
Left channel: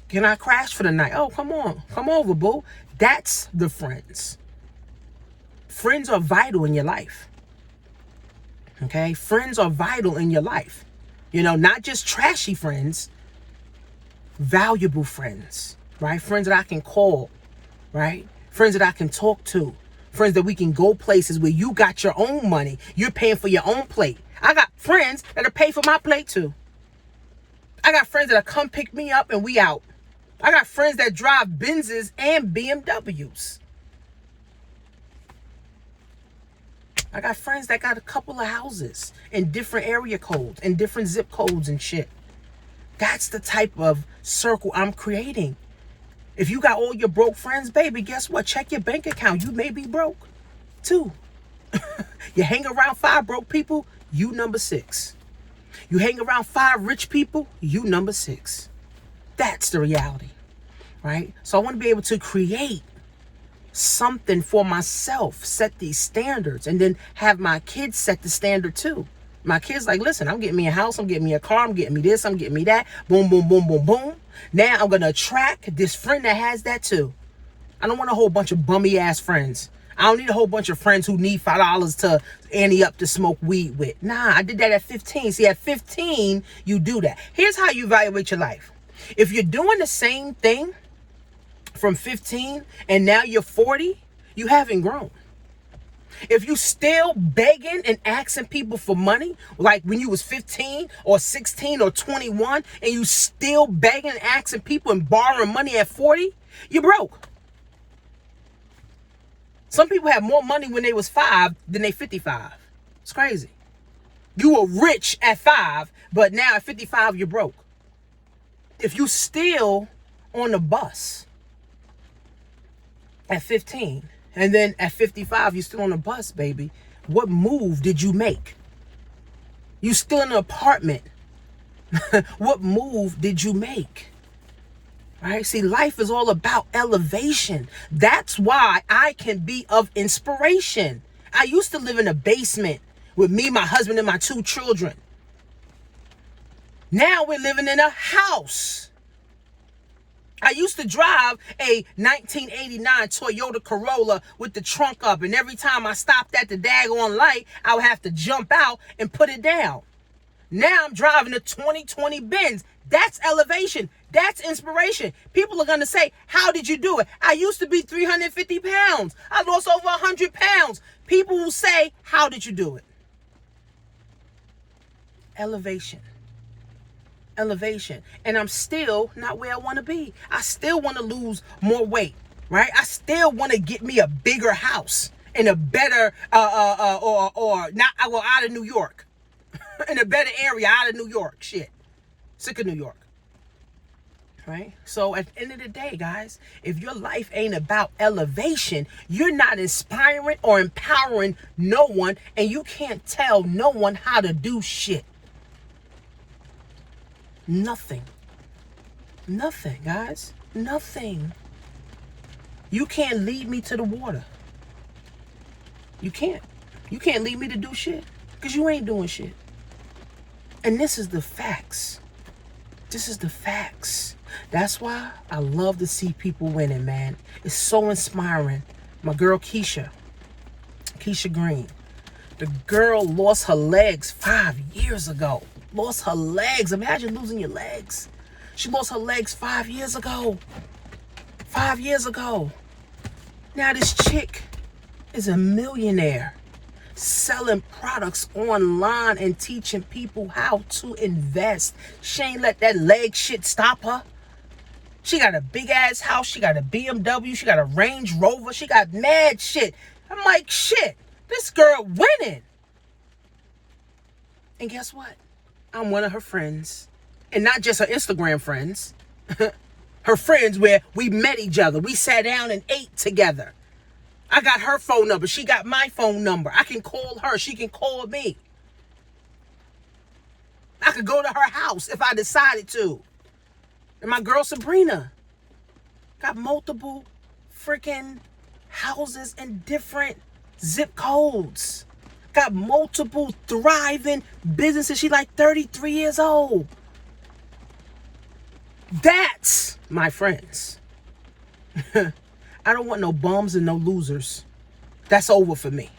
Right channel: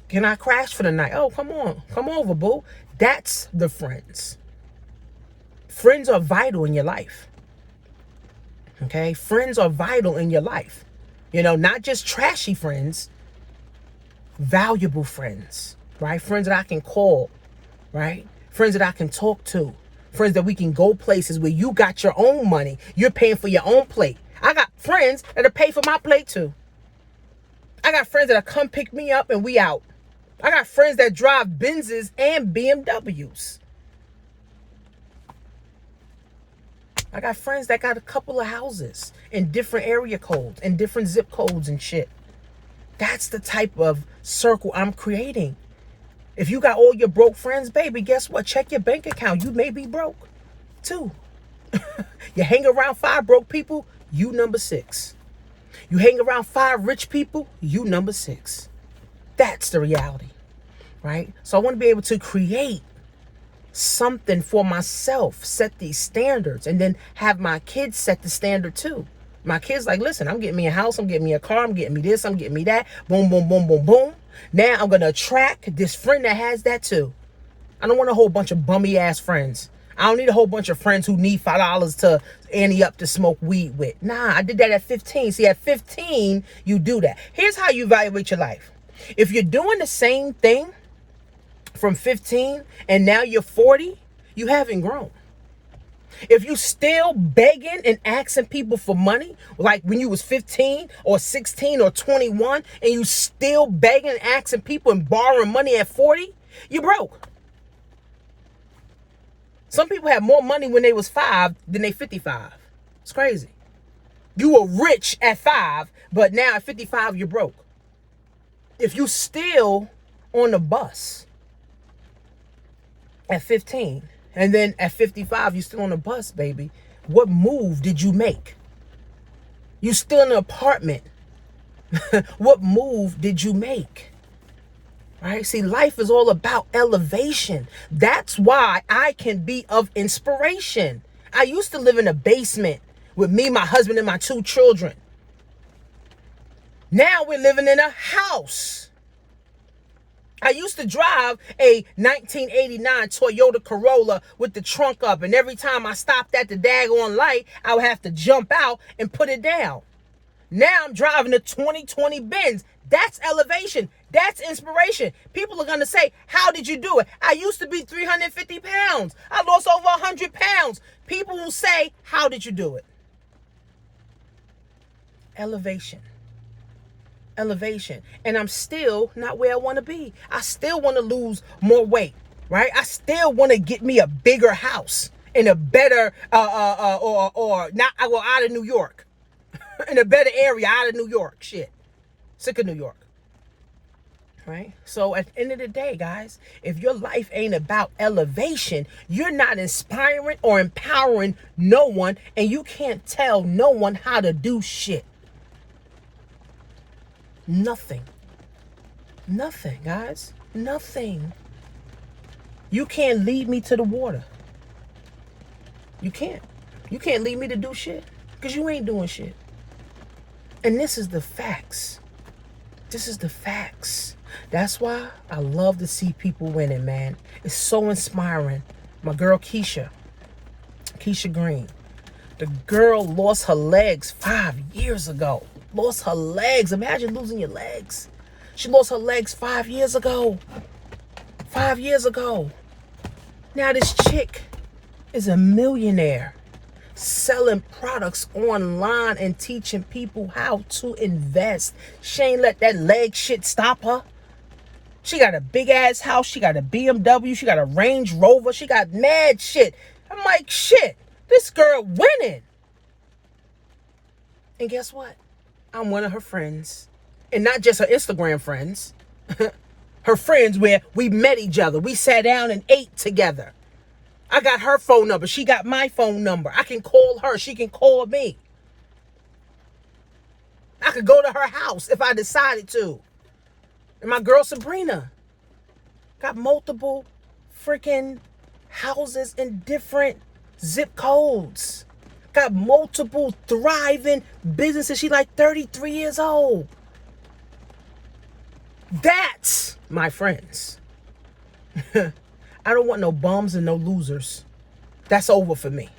can I crash for the night? Oh, come on. Come over, boo. That's the friends. Friends are vital in your life. Okay? Friends are vital in your life. You know, not just trashy friends, valuable friends, right? Friends that I can call, right? Friends that I can talk to. Friends that we can go places where you got your own money. You're paying for your own plate. I got friends that'll pay for my plate too. I got friends that'll come pick me up and we out. I got friends that drive Benzes and BMWs. I got friends that got a couple of houses in different area codes and different zip codes and shit. That's the type of circle I'm creating. If you got all your broke friends, baby, guess what? Check your bank account. You may be broke too. You hang around 5 broke people, you number 6. You hang around 5 rich people, you number 6. That's the reality, right? So I want to be able to create something for myself, set these standards, and then have my kids set the standard too. My kids like, listen, I'm getting me a house, I'm getting me a car, I'm getting me this, I'm getting me that. Boom, boom, boom, boom, boom. Now I'm going to attract this friend that has that too. I don't want a whole bunch of bummy ass friends. I don't need a whole bunch of friends who need $5 to ante up to smoke weed with. Nah, I did that at 15. See, at 15, you do that. Here's how you evaluate your life. If you're doing the same thing from 15 and now you're 40, you haven't grown. If you still begging and asking people for money, like when you was 15 or 16 or 21, and you still begging and asking people and borrowing money at 40, you broke. Some people had more money when they was 5 than they 55. It's crazy. You were rich at 5, but now at 55, you're broke. If you still on the bus at 15, and then at 55, you're still on the bus, baby, what move did you make? You still in an apartment. What move did you make? Right? See, life is all about elevation. That's why I can be of inspiration. I used to live in a basement with me, my husband, and my 2 children. Now we're living in a house. I used to drive a 1989 Toyota Corolla with the trunk up, and every time I stopped at the daggone light, I would have to jump out and put it down. Now I'm driving a 2020 Benz. That's elevation. That's inspiration. People are going to say, how did you do it? I used to be 350 pounds. I lost over 100 pounds. People will say, how did you do it? Elevation. Elevation. And I'm still not where I want to be. I still want to lose more weight, right? I still want to get me a bigger house in a better, or not, I go out of New York, in a better area out of New York. Shit. Sick of New York. Right? So at the end of the day, guys, if your life ain't about elevation, you're not inspiring or empowering no one, and you can't tell no one how to do shit. Nothing. Nothing, guys. Nothing. You can't lead me to the water. You can't. You can't lead me to do shit because you ain't doing shit. And this is the facts. This is the facts. That's why I love to see people winning, man. It's so inspiring. My girl Keisha Green. The girl lost her legs 5 years ago. Lost her legs. Imagine losing your legs. She lost her legs 5 years ago. 5 years ago. Now this chick is a millionaire, selling products online and teaching people how to invest. She ain't let that leg shit stop her. She got a big ass house. She got a BMW. She got a Range Rover. She got mad shit. I'm like, shit. This girl winning. And guess what? I'm one of her friends. And not just her Instagram friends. Her friends where we met each other. We sat down and ate together. I got her phone number. She got my phone number. I can call her. She can call me. I could go to her house if I decided to. And my girl Sabrina got multiple freaking houses in different zip codes. Got multiple thriving businesses. She like 33 years old. That's my friends. I don't want no bums and no losers. That's over for me.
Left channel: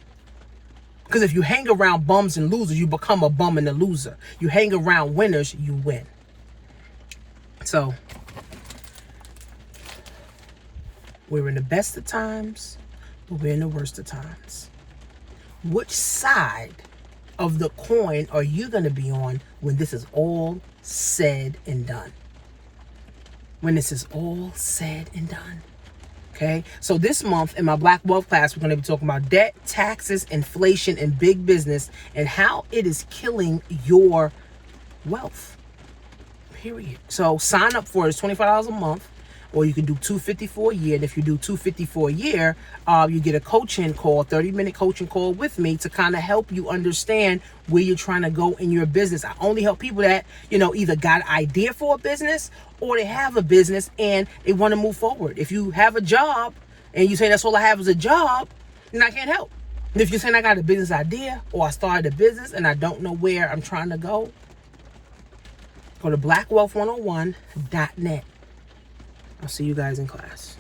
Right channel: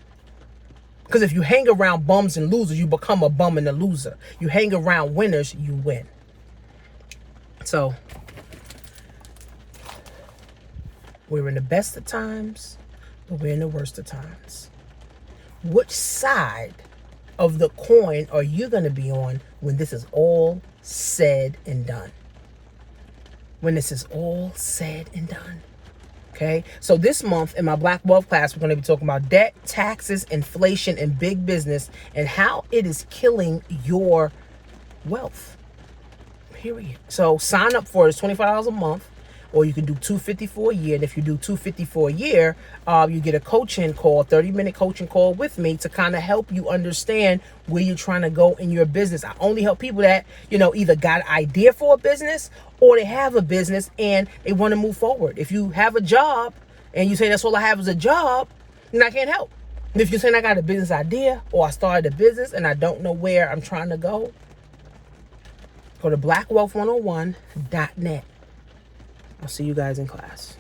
Because if you hang around bums and losers, you become a bum and a loser. You hang around winners, you win. So, we're in the best of times, but we're in the worst of times. Which side of the coin are you going to be on when this is all said and done? When this is all said and done. Okay, so this month in my Black Wealth class, we're going to be talking about debt, taxes, inflation, and big business, and how it is killing your wealth. Period. So sign up for it. It's $25 a month, or you can do $254 a year. And if you do $254 a year, you get a coaching call, 30-minute coaching call with me to kind of help you understand where you're trying to go in your business. I only help people that, either got an idea for a business or they have a business and they want to move forward. If you have a job and you say that's all I have is a job, then I can't help. If you're saying I got a business idea or I started a business and I don't know where I'm trying to go to blackwealth101.net. I'll see you guys in class.